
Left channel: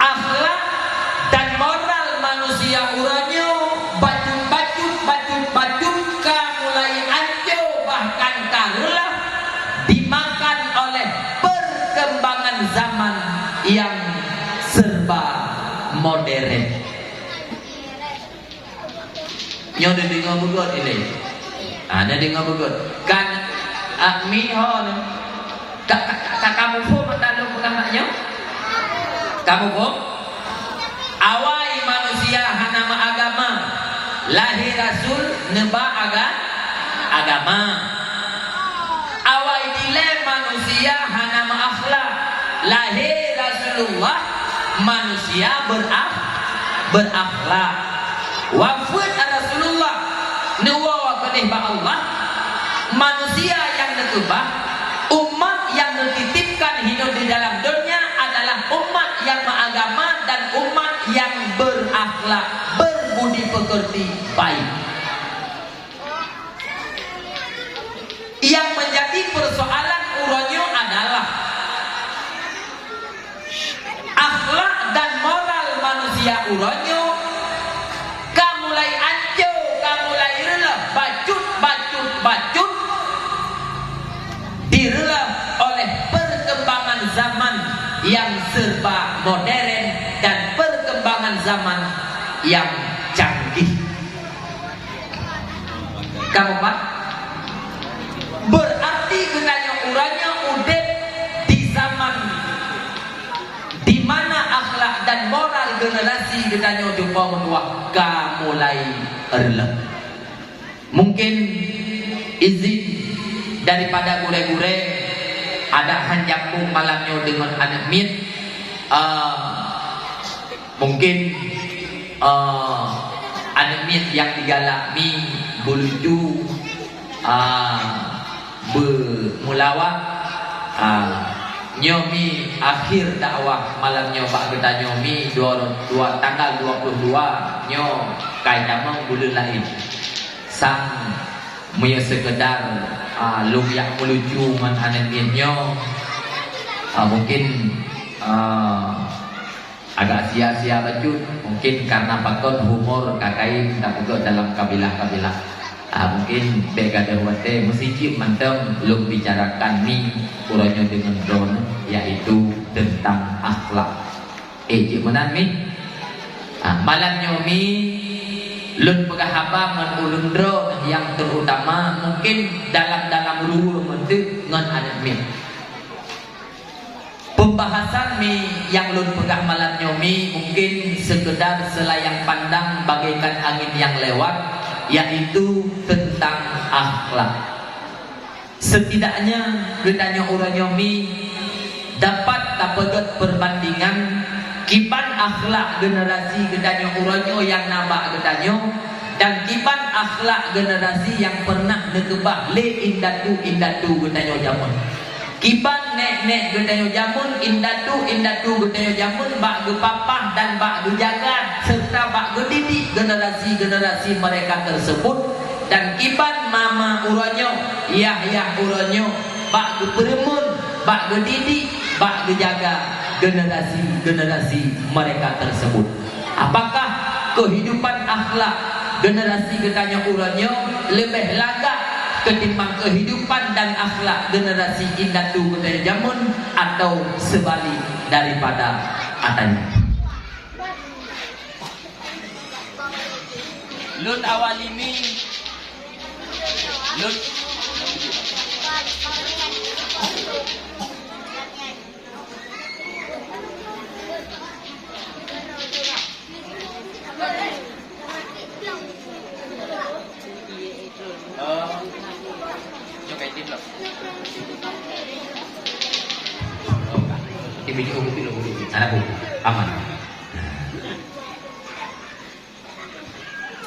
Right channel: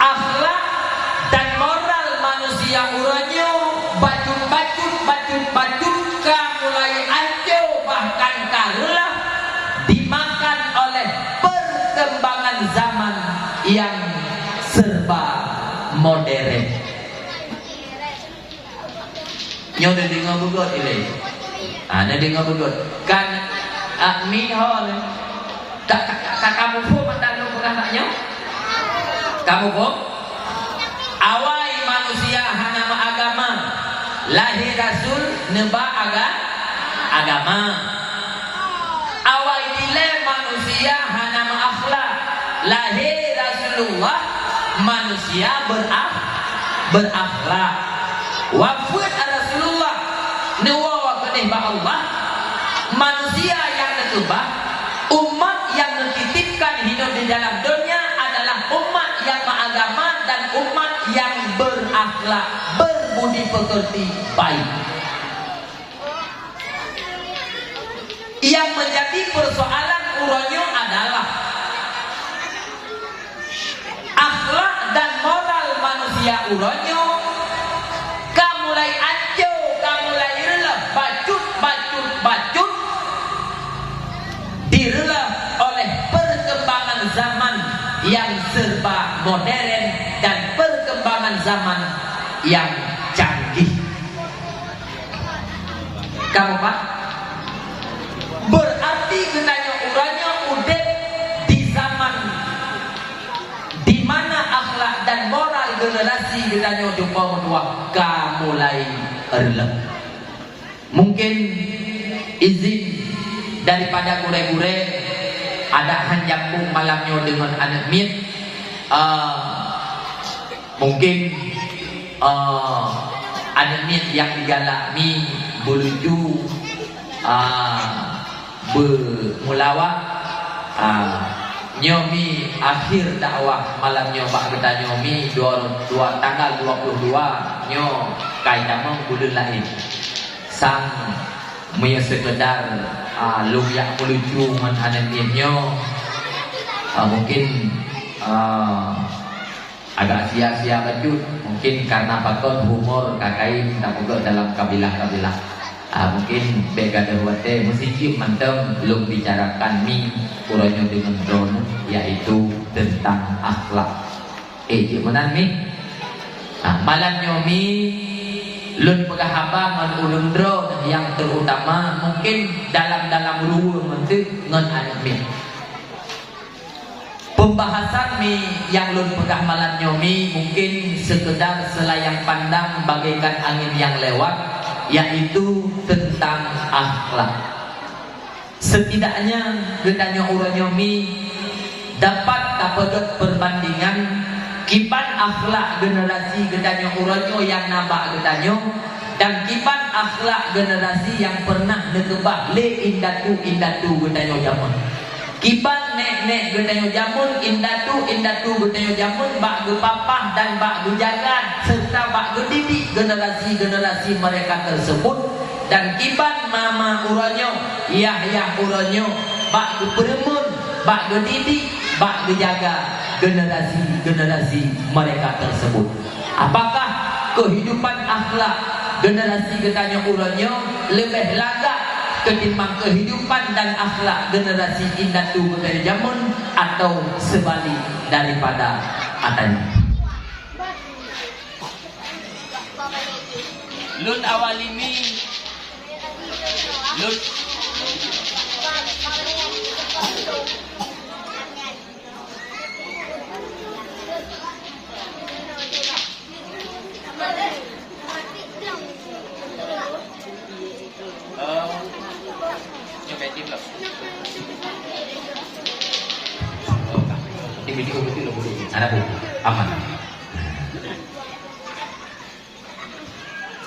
akhlak dan moral manusia uranyo bajut mulai anjo bahkan karulah dimakan oleh perkembangan zaman yang serba modern. Nyo dengar bugot ini. Ada dengar bugot. Kan mi hol. Tak kamu pun tak lu pernah naknya. Kamu pun awal manusia hana agama. Lahir Rasul neba agama. Awal dile manusia hana akhlak. Lahir Rasulullah manusia berakhlak. Wafat Rasulullah nuwa benih ba Allah, manusia yang ditubah, umat yang dititipkan hidup di dalam dunia adalah umat yang beragama dan umat yang berakhlak, berbudi pekerti baik. Yang menjadi persoalan uranyo adalah akhlak dan moral manusia uranyo kamulai anjo, kamulai rela bacut direla oleh perkembangan zaman yang serba modern dan perkembangan zaman yang canggih. Kamu Pak? Berarti gunanya uranya udep di zaman di mana akhlak dan moral generasi gunanya jumpa menua kamulai erlep. Mungkin izin daripada gure-gure ada hanjambung malamnya dengan anak mit. Mungkin anak mit yang digalak mi buluju bermulawak nyomi akhir dakwah malamnya Pak Geta nyomi dua tanggal 22 nyo kaya mau bulan lain sang maya sekedar lumyak melucu dengan anak mitnya mungkin agak sia-sia bajut mungkin karena pakon humor kakai tak pegak dalam kabilah-kabilah mungkin begada wate mesti mentem belum bicarakan ni uranyo dengan drone yaitu tentang akhlak gimana ni malamnya mi lun pegahaba ngan ulun drone yang terutama mungkin dalam ruang mentik ngan anak mi. Pembahasan mi yang lun pegah malam nyomi mungkin sekedar selayang pandang bagaikan angin yang lewat, yaitu tentang akhlak. Setidaknya gendanya orang nyomi dapat dapat perbandingan kipan akhlak generasi gendanya orang yang nabak gendanya dan kiban akhlak generasi yang pernah nekebah le indatu getanyo jamun. Kiban nek getanyo jamun, indatu getanyo jamun, bak gepapah dan bak gejaga serta bak gedidik generasi mereka tersebut. Dan kiban mama uronyo, Yahya uronyo, bak geperemun, bak gedidik, bak gejaga generasi mereka tersebut. Apakah kehidupan akhlak generasi getanyo uronyo lebih lagak ketimbang kehidupan dan akhlak generasi indatu getanyo jamun, atau sebalik daripada atanya? Lun awalimi Lun cho bé tin lập Di video itu lo boleh anak bu aman.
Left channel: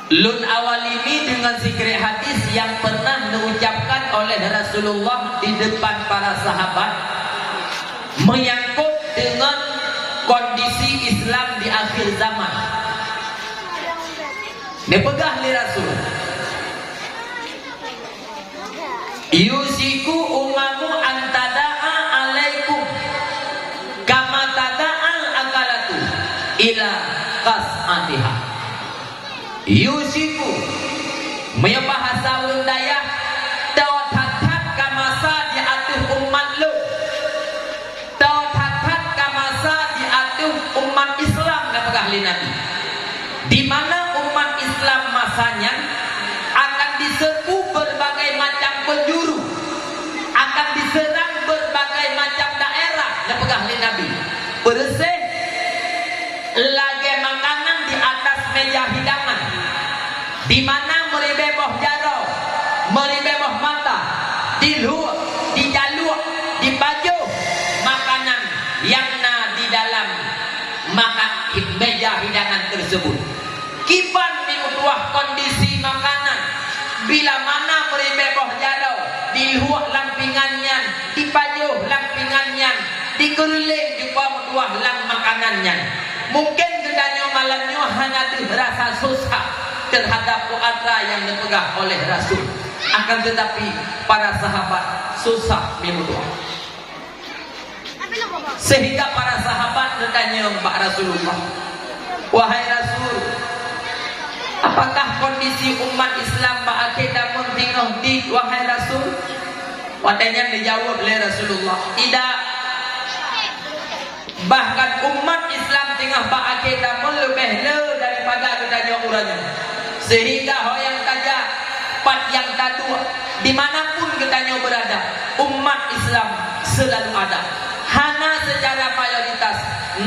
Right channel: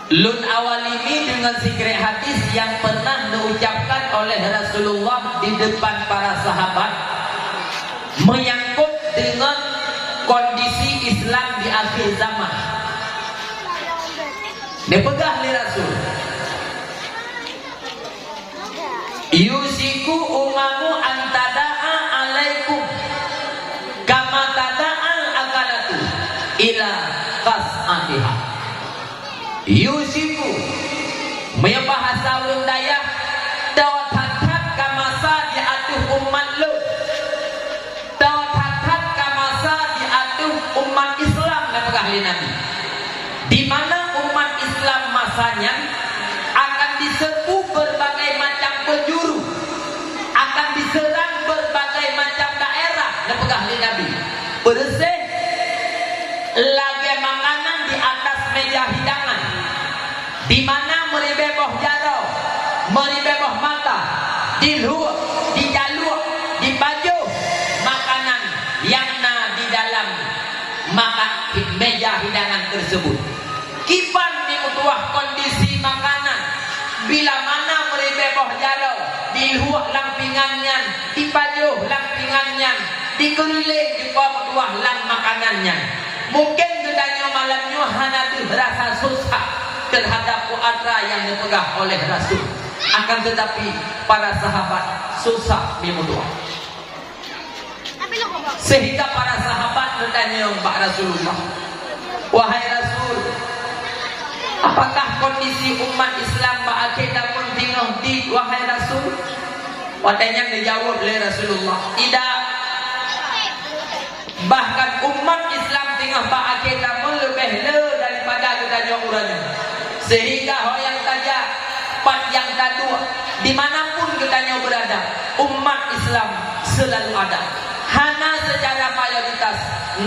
Lun awalimi dengan sikret hadis yang pernah diucapkan oleh Rasulullah di depan para sahabat menyangkut dengan kondisi Islam di akhir zaman. Dipegang oleh Rasul. Yusiku umamu antada'a alaikum kama tada'al akalatu ila qas'atiha. Yusiku punya bahasa Lundaya tawatat kamasa diatuh umat lu, tawatat kamasa diatuh umat Islam dan ahli Nabi, di mana umat Islam masanya akan diserbu berbagai macam penjuru, akan diserang berbagai macam daerah dan ahli Nabi. Bersih lagi makanan di atas meja hidangan, di mana meribeboh jaro, meribeboh mata, di luar, di jalur, di baju makanan yang di dalam maka meja hidangan tersebut. Kiban mengutuah kondisi makanan, bila mana meribeboh jaro, di luar lampingannya, di baju lampingannya, di keliling di bawah lang makanannya. Mungkin gedanya malamnya hanya rasa susah terhadap puasa yang dipegang oleh Rasul. Akan tetapi para sahabat susah memutua. Sehingga para sahabat bertanya Mbak Rasulullah, wahai Rasul, apakah kondisi umat Islam ba'akidah muntinah di wahai Rasul? Padanya dijawab oleh Rasulullah, tidak. Bahkan umat Islam tengah ba'akidah lebih daripada gedanya uranya. Sehingga yang saja part yang kedua, dimanapun gedanya berada, umat Islam selalu ada. Hana secara mayoritas,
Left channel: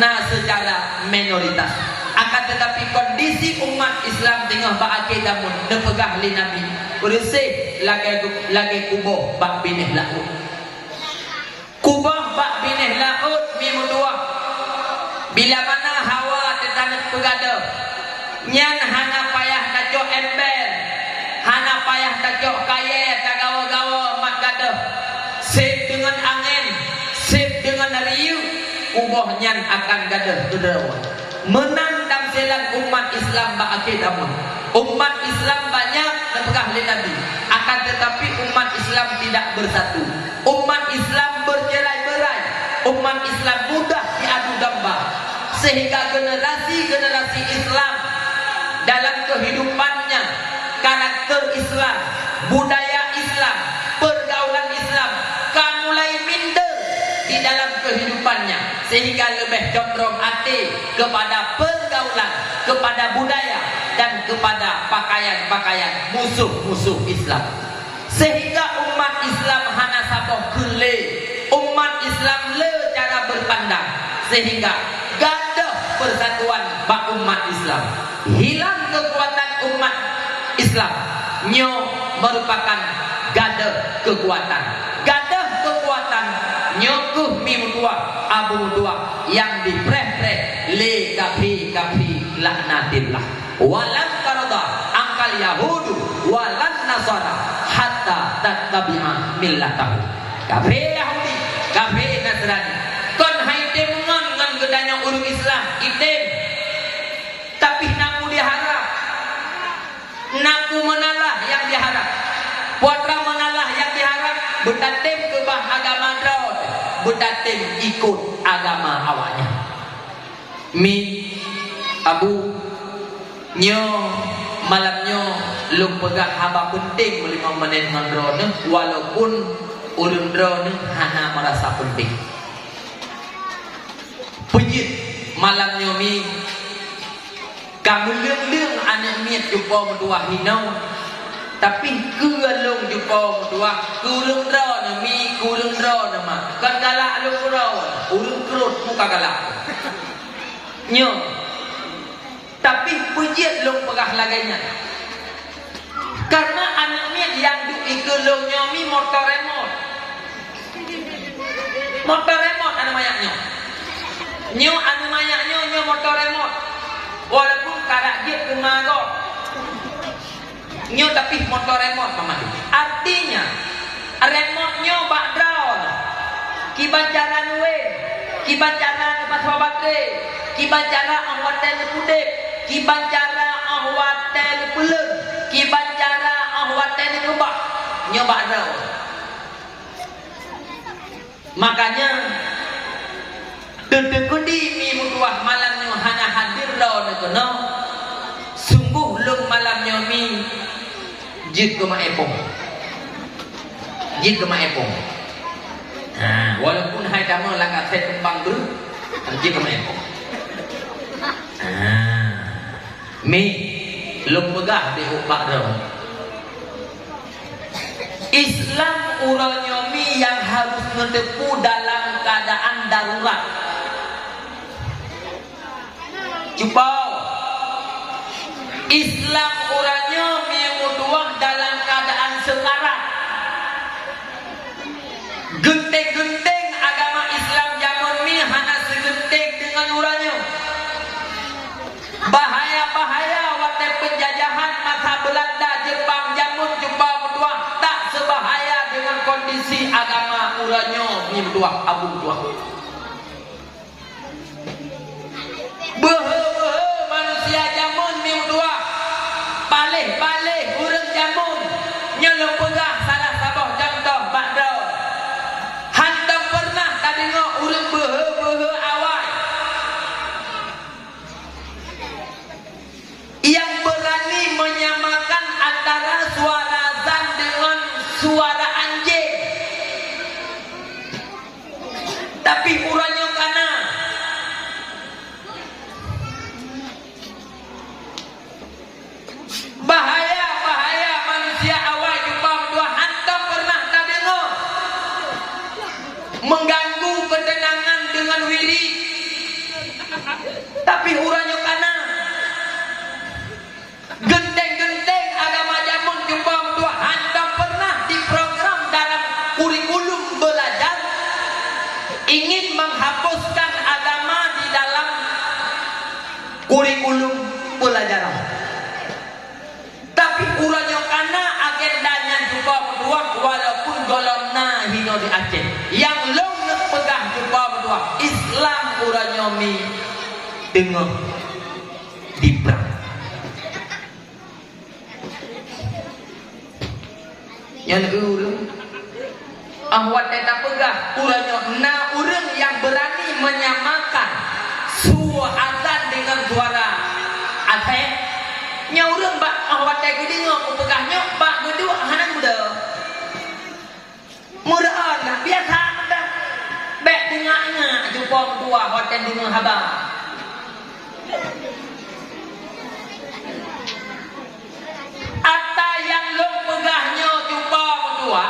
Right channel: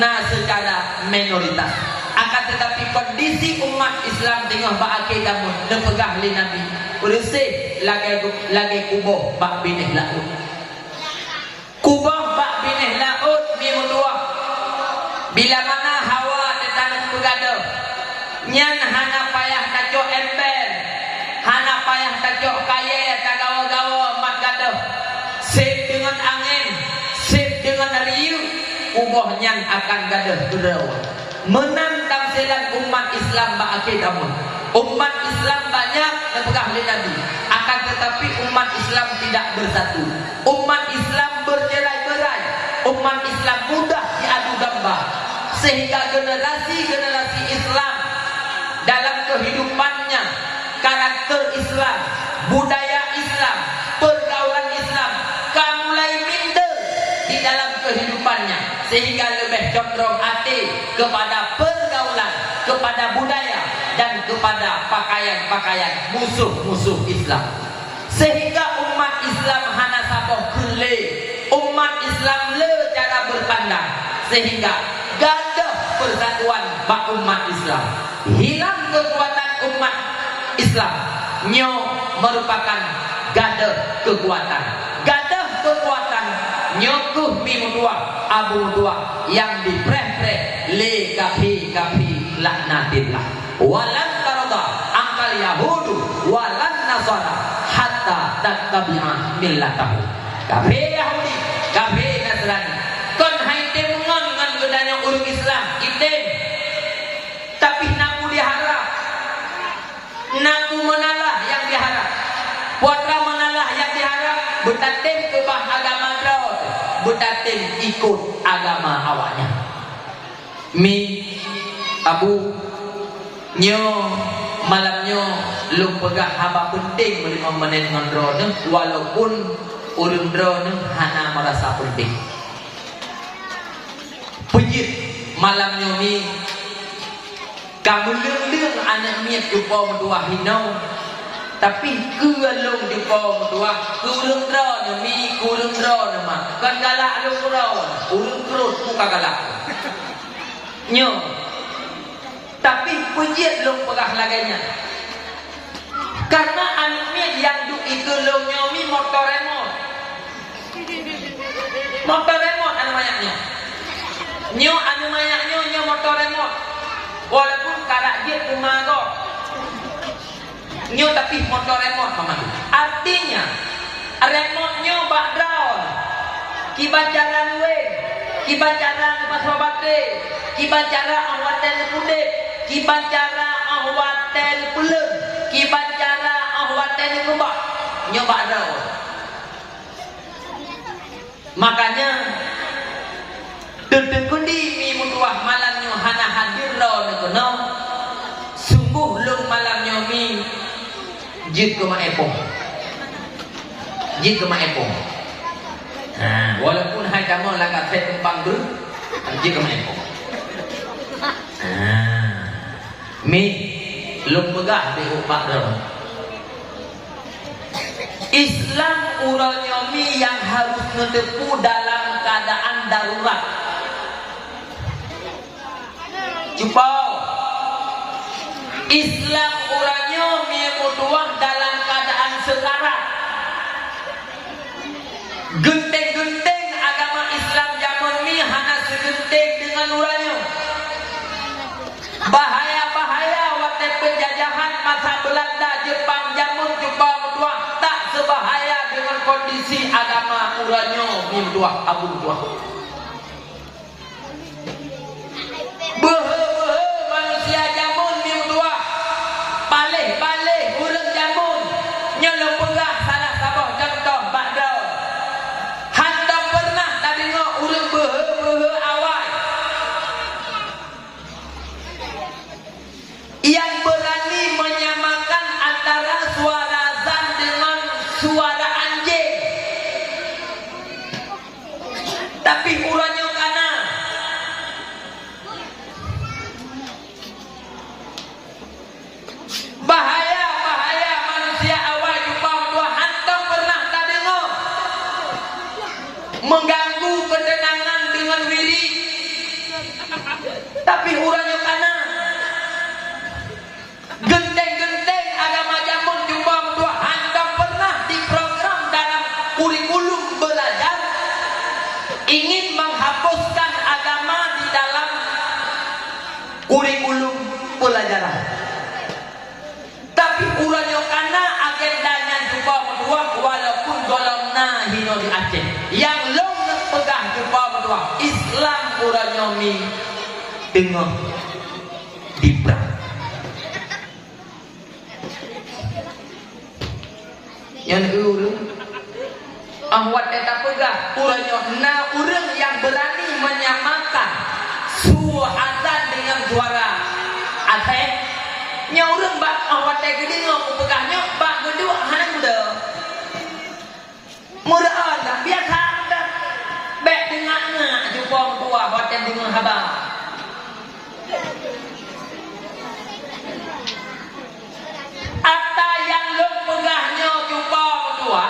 na secara minoritas. Akan tetapi kondisi umat Islam tengah ba'akidah nepegah li Nabi. Bersih lagi kubur bak binih laut. Kubur bak binih laut mimudua. Bila mana hawa tetangga pegada, nyan hana payah tajok ember, hana payah tajok kaya, tagawa-gawa mat gada. Sip dengan angin, sip dengan riu, kubur nyan akan gada berawan. Menang tamsilan umat Islam ba'akidah mun. Umat Islam banyak nepegah li Nabi, akan tetapi umat Islam tidak bersatu. Umat Islam bercerai-berai, umat Islam mudah diadu domba. Sehingga generasi Islam dalam kehidupannya, karakter Islam, budaya Islam, pergaulan Islam mulai minder di dalam kehidupannya, sehingga lebih condong hati kepada pergaulan, kepada budaya, dan kepada pakaian-pakaian musuh-musuh Islam. Sehingga umat Islam hana saboh kele, umat Islam le cara berpandang, sehingga gadah persatuan bak umat Islam. Hilang kekuatan umat Islam, nyo merupakan gadah kekuatan. Gadah kekuatan nyokuh mimudua abu dua yang dipreh-preh le kafi laknatillah. Walan tarada angkal al yahudu walan nasara hatta tattabi'a millatahu. Kabeh Yahudi, kabeh Nasrani. Kon haite mengon ngan gedanya urung Islam item. Tapi naku diharap. Naku menalah yang diharap. Puatra menalah yang diharap. Betatim ke bah agama draud. Betatim ikut agama awaknya. Mi abu nyo malamnyo lum pegah haba penting 5 menit ngendro ne walaupun urun dro ne hana merasa penting. Pejit malamnyo mi kamu leng-leng anak miat jumpa mentua hinau tapi kealung jumpa mentua kurung dro ne mi kurung dro ne mak kan galak lu dro urun kerut muka galak nyo. Tapi pejit long pegah laganya. Karena anaknya yang duk ikelong nyomi motor remote. Motor remote anu mayaknya. Nyo anu mayaknya nyo motor remote. Walaupun karak dia kemagok. Nyo tapi motor remote paman. Artinya remote nyo bak drawn. Kibacara nuwe. Kibacara pas babate. Kibacara awatan kudep. Kibacara ahwatan pulen, kibacara ahwatan kebak, nyoba dau. Makanya tetekundi mi mutuah malamnya hana hadir ro nekono. Sungguh lung malamnya mi jid ke maepong. Jid ke maepong. Nah, walaupun hai kamu langkat saya tembang ber, jid ke maepong. Mi lum pegah di upak dong. Islam uranya mi yang harus menepu dalam keadaan darurat. Cuba Islam uranya mi mutuah dalam keadaan sekarat. Genteng-genteng agama Islam zaman mi hana segenteng dengan uranya. Bahaya-bahaya waktu penjajahan masa Belanda, Jepang, Jamun, Jumpa, Mutuah tak sebahaya dengan kondisi agama uranyo Mutuah, Abu Mutuah. Behe-behe manusia Jamun Mutuah, palih-palih urang Jamun, nyelong pegah salah sabah contoh Bakdao. Hantam pernah tadi ngok urang behe-behe awal. Yang berani menyamakan antara suara azan dengan suara anjing. Tapi uranya kana bahaya manusia awal jumpa dua hantam pernah tak dengar mengganggu ketenangan dengan wiri. Tapi uranya kana genteng-genteng agama jamun jumpa mentua anda pernah diprogram dalam kurikulum belajar ingin menghapuskan agama di dalam kurikulum pelajaran. Tapi uranyo kana agendanya jumpa mentua walaupun golongna hino di Aceh yang long pegang jumpa mentua Islam uranyo mi tengok diperang. Yang urang ahwat eta pegah uranyo na urang yang berani menyamakan suara azan dengan suara Aceh nya urang bak ahwat teh gede ngok pegahnya bak gedua hanan muda muraan biasa dah bek dengannya jumpa dua hotel dengan haba Ata yang long pegahnya jumpa berdua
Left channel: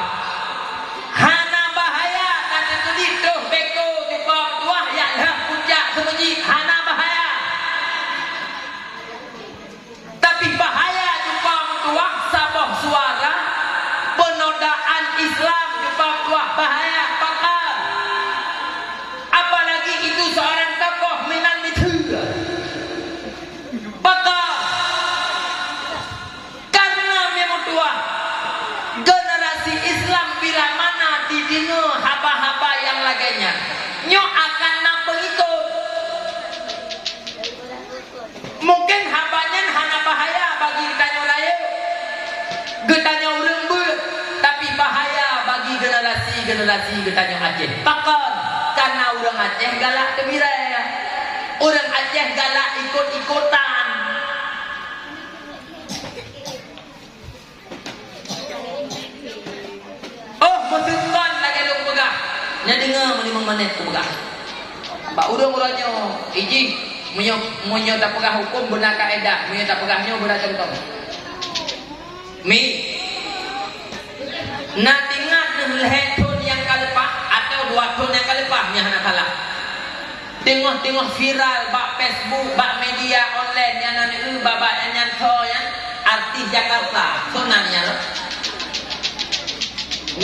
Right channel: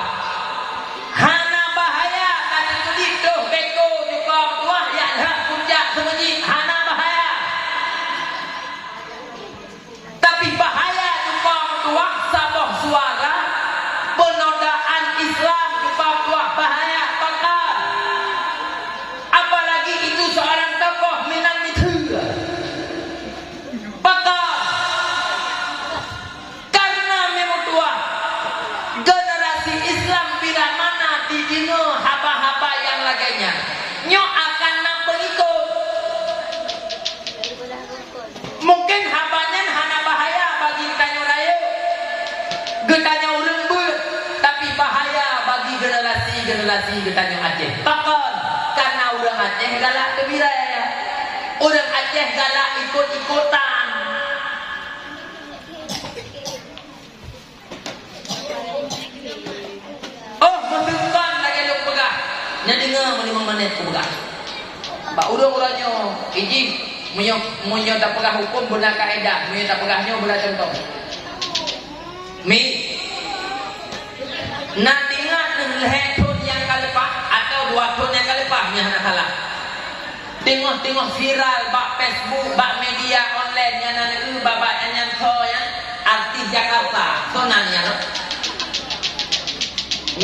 hana bahaya nanti begitu beko jumpa berdua ya puncak sebenci hana bahaya. Tapi bahaya jumpa berdua sabah suara penodaan Islam jumpa berdua bahaya bakal. Apalagi itu seorang tokoh minan itu bakal Getanya orang ber, tapi bahaya bagi generasi getanya Aceh. Takkan karena orang Aceh galak gembira. Orang Aceh galak ikut-ikutan. Oh, berdekan lagi lu pegang. Nya dengar 5 menit aku pegang. Bak urang-urangnya izin munyo tak pegang hukum benar kaedah, munyo tak pegahnya benar contoh. Mi nak ingat ton yang kalepah atau 2 ton yang kalepah nya hana salah. Tengok viral bak Facebook, bak media online yang nan babak yang so yang artis Jakarta. Sonanya lo.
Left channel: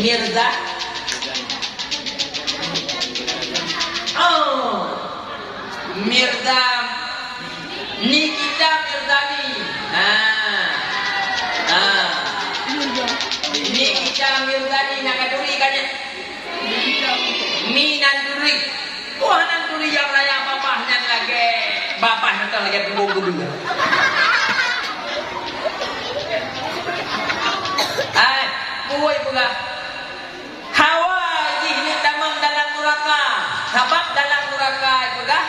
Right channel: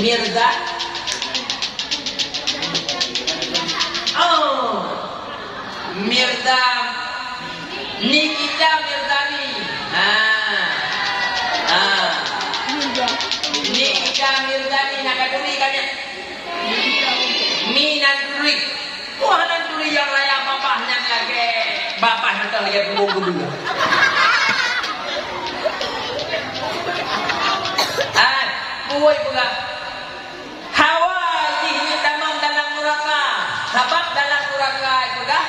Mirza. Oh. Mirza. Nikita Mirzani. Nikita Mirzani nak kaduri kan ya? Mi nanduri. Wah nanduri yang raya bapaknya lagi. Bapaknya lagi punggung kedua. Kuy pula. Hawa ini tamam dalam neraka. Sebab dalam neraka pula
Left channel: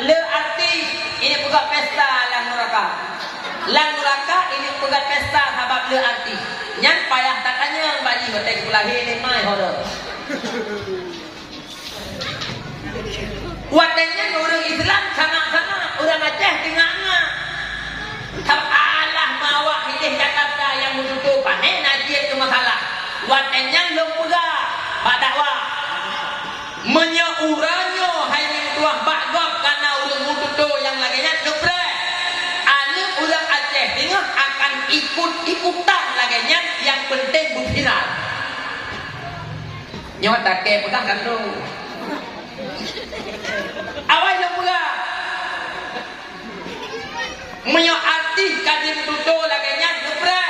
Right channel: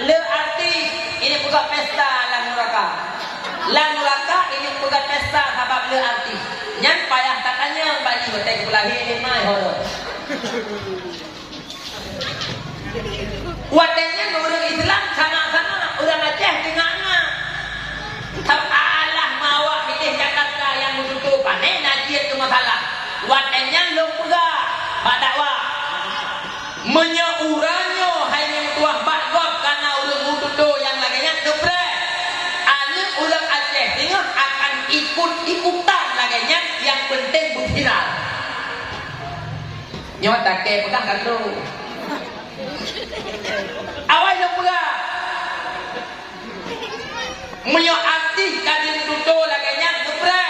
le arti ini pula pesta dalam neraka. Dalam neraka ini pula pesta sebab le arti. Nyan payah katanya bagi hotel pula ini mai horor. Wadanya orang Islam sana-sana orang Aceh tengah-tengah. Allah mawa milih Jakarta yang mutu panen nanti ke masalah. Watenya long pega bak dakwah. Menyauranyo hanya tuah bak gop karena urang mutu yang laginya depre. Ane urang Aceh tengah akan ikut-ikutan laginya yang penting buktiran. Nyawa tak ke pegang kan tu. Awal long pega. Menyo arti kadin tuto laganya ngepre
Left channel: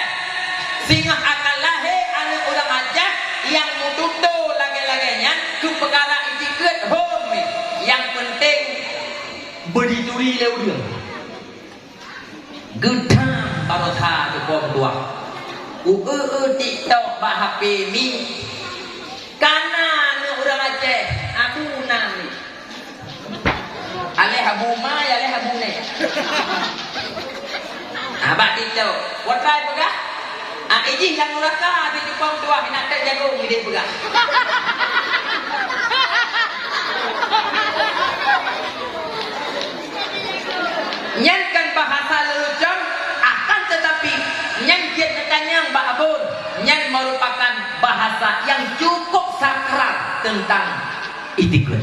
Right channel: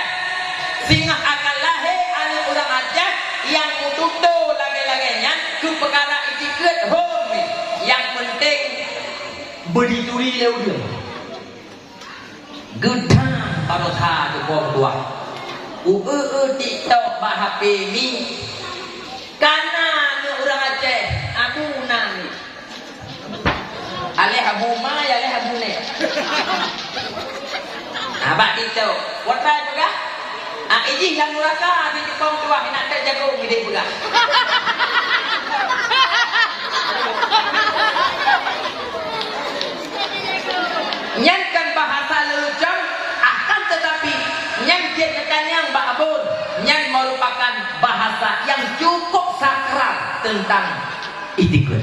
sehingga akan lahir anak orang Aceh yang mututo lagi-laganya ke perkara ikut home yang penting berdiri lewat gedang barokah tu bom tua TikTok bah HP ni karena orang Aceh Abu Nang aleh Abu Ma ya aleh Abu Ne abak TikTok watai pegah izin yang neraka di Jepang tua nak terjaga dia pegah nyankan bahasa lelucon akan tetapi nyan kekanyang Mbak Abun nyan merupakan bahasa yang cukup sakral tentang itikun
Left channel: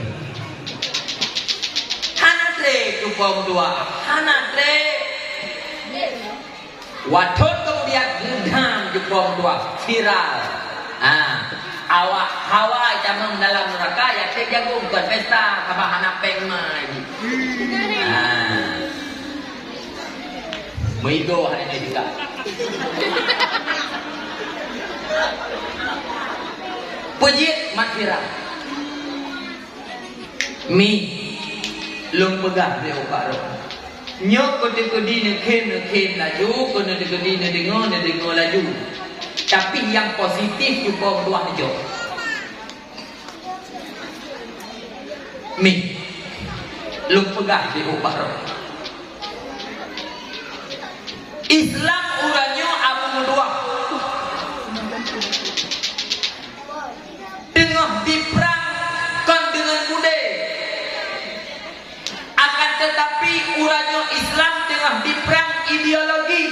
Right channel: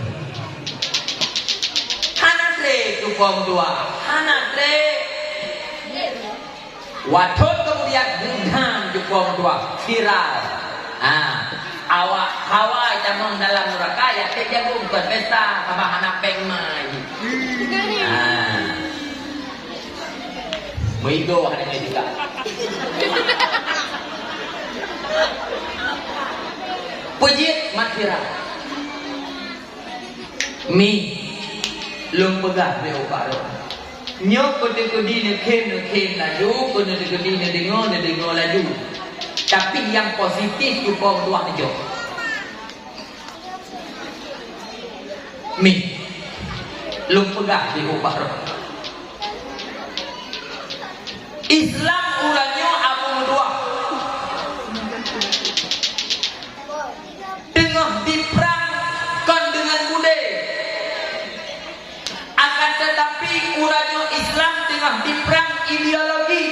hanatre Jepang tua hanatre Watot kemudian gudang Jepang tua viral. Awak hawa jamang dalam neraka ya kejagung bukan pesta kabahan pengmai. Meigo hari ini juga. Pujit mat viral. Mi lung pegah di ubaro. Nyok kodi ne laju, kodi ne dengo laju. Tapi yang positif juga dua hijau. Mi, lung pegah di ubah. Islam uranyo abu dua. Tengah diperang kan dengan budaya. Akan tetapi uranyo Islam tengah diperang ideologi.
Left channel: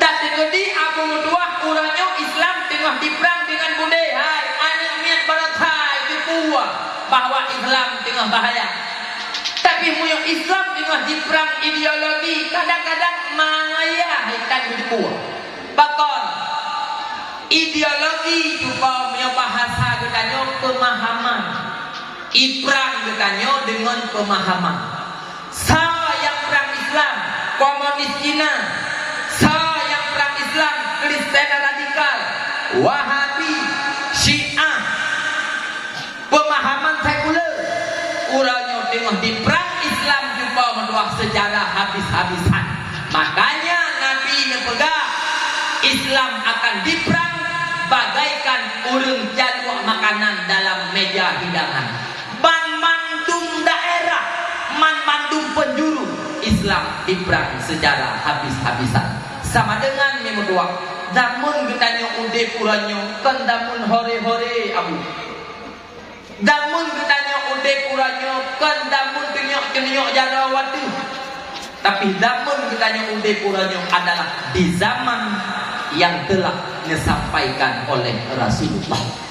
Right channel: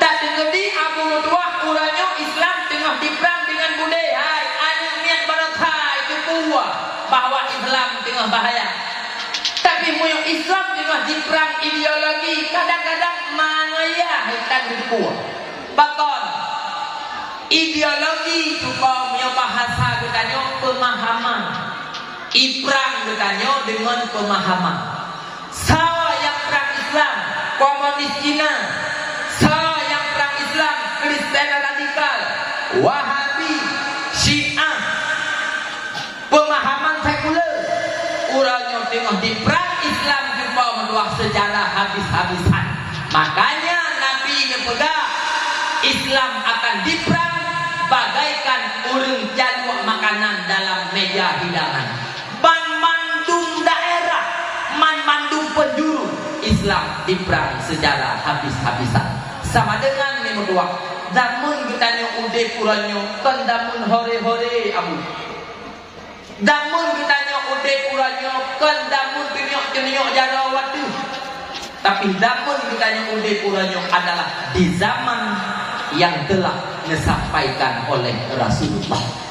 Tak terjadi Abu Mutuah uranyo Islam tengah diperang dengan budaya. Anak niat barakai kekuah bahwa Islam tengah bahaya. Tapi muyo Islam tengah diperang ideologi. Kadang-kadang mana ya hitam kekuah. Bahkan ideologi juga muyo bahasa katanya pemahaman. Iprang katanya dengan pemahaman. Saya yang perang Islam, komunis Cina. Saya yang perang Islam, Kristen radikal, Wahabi, Syiah. Pemahaman sekuler. Urangnya tengah di perang Islam juga menduak sejarah habis-habisan. Makanya Nabi nepegah Islam akan diperang bagaikan urang jaluk makanan dalam meja hidangan. Mandung daerah, mandung penjuru, Islam diperang secara habis-habisan. Sama dengan ni berdua. Damun getanya ude puranyo, kan damun hore-hore abu. Damun getanya ude puranyo, kan damun kenyok-kenyok jarawatu. Tapi damun getanya ude puranyo adalah di zaman yang telah disampaikan oleh Rasulullah.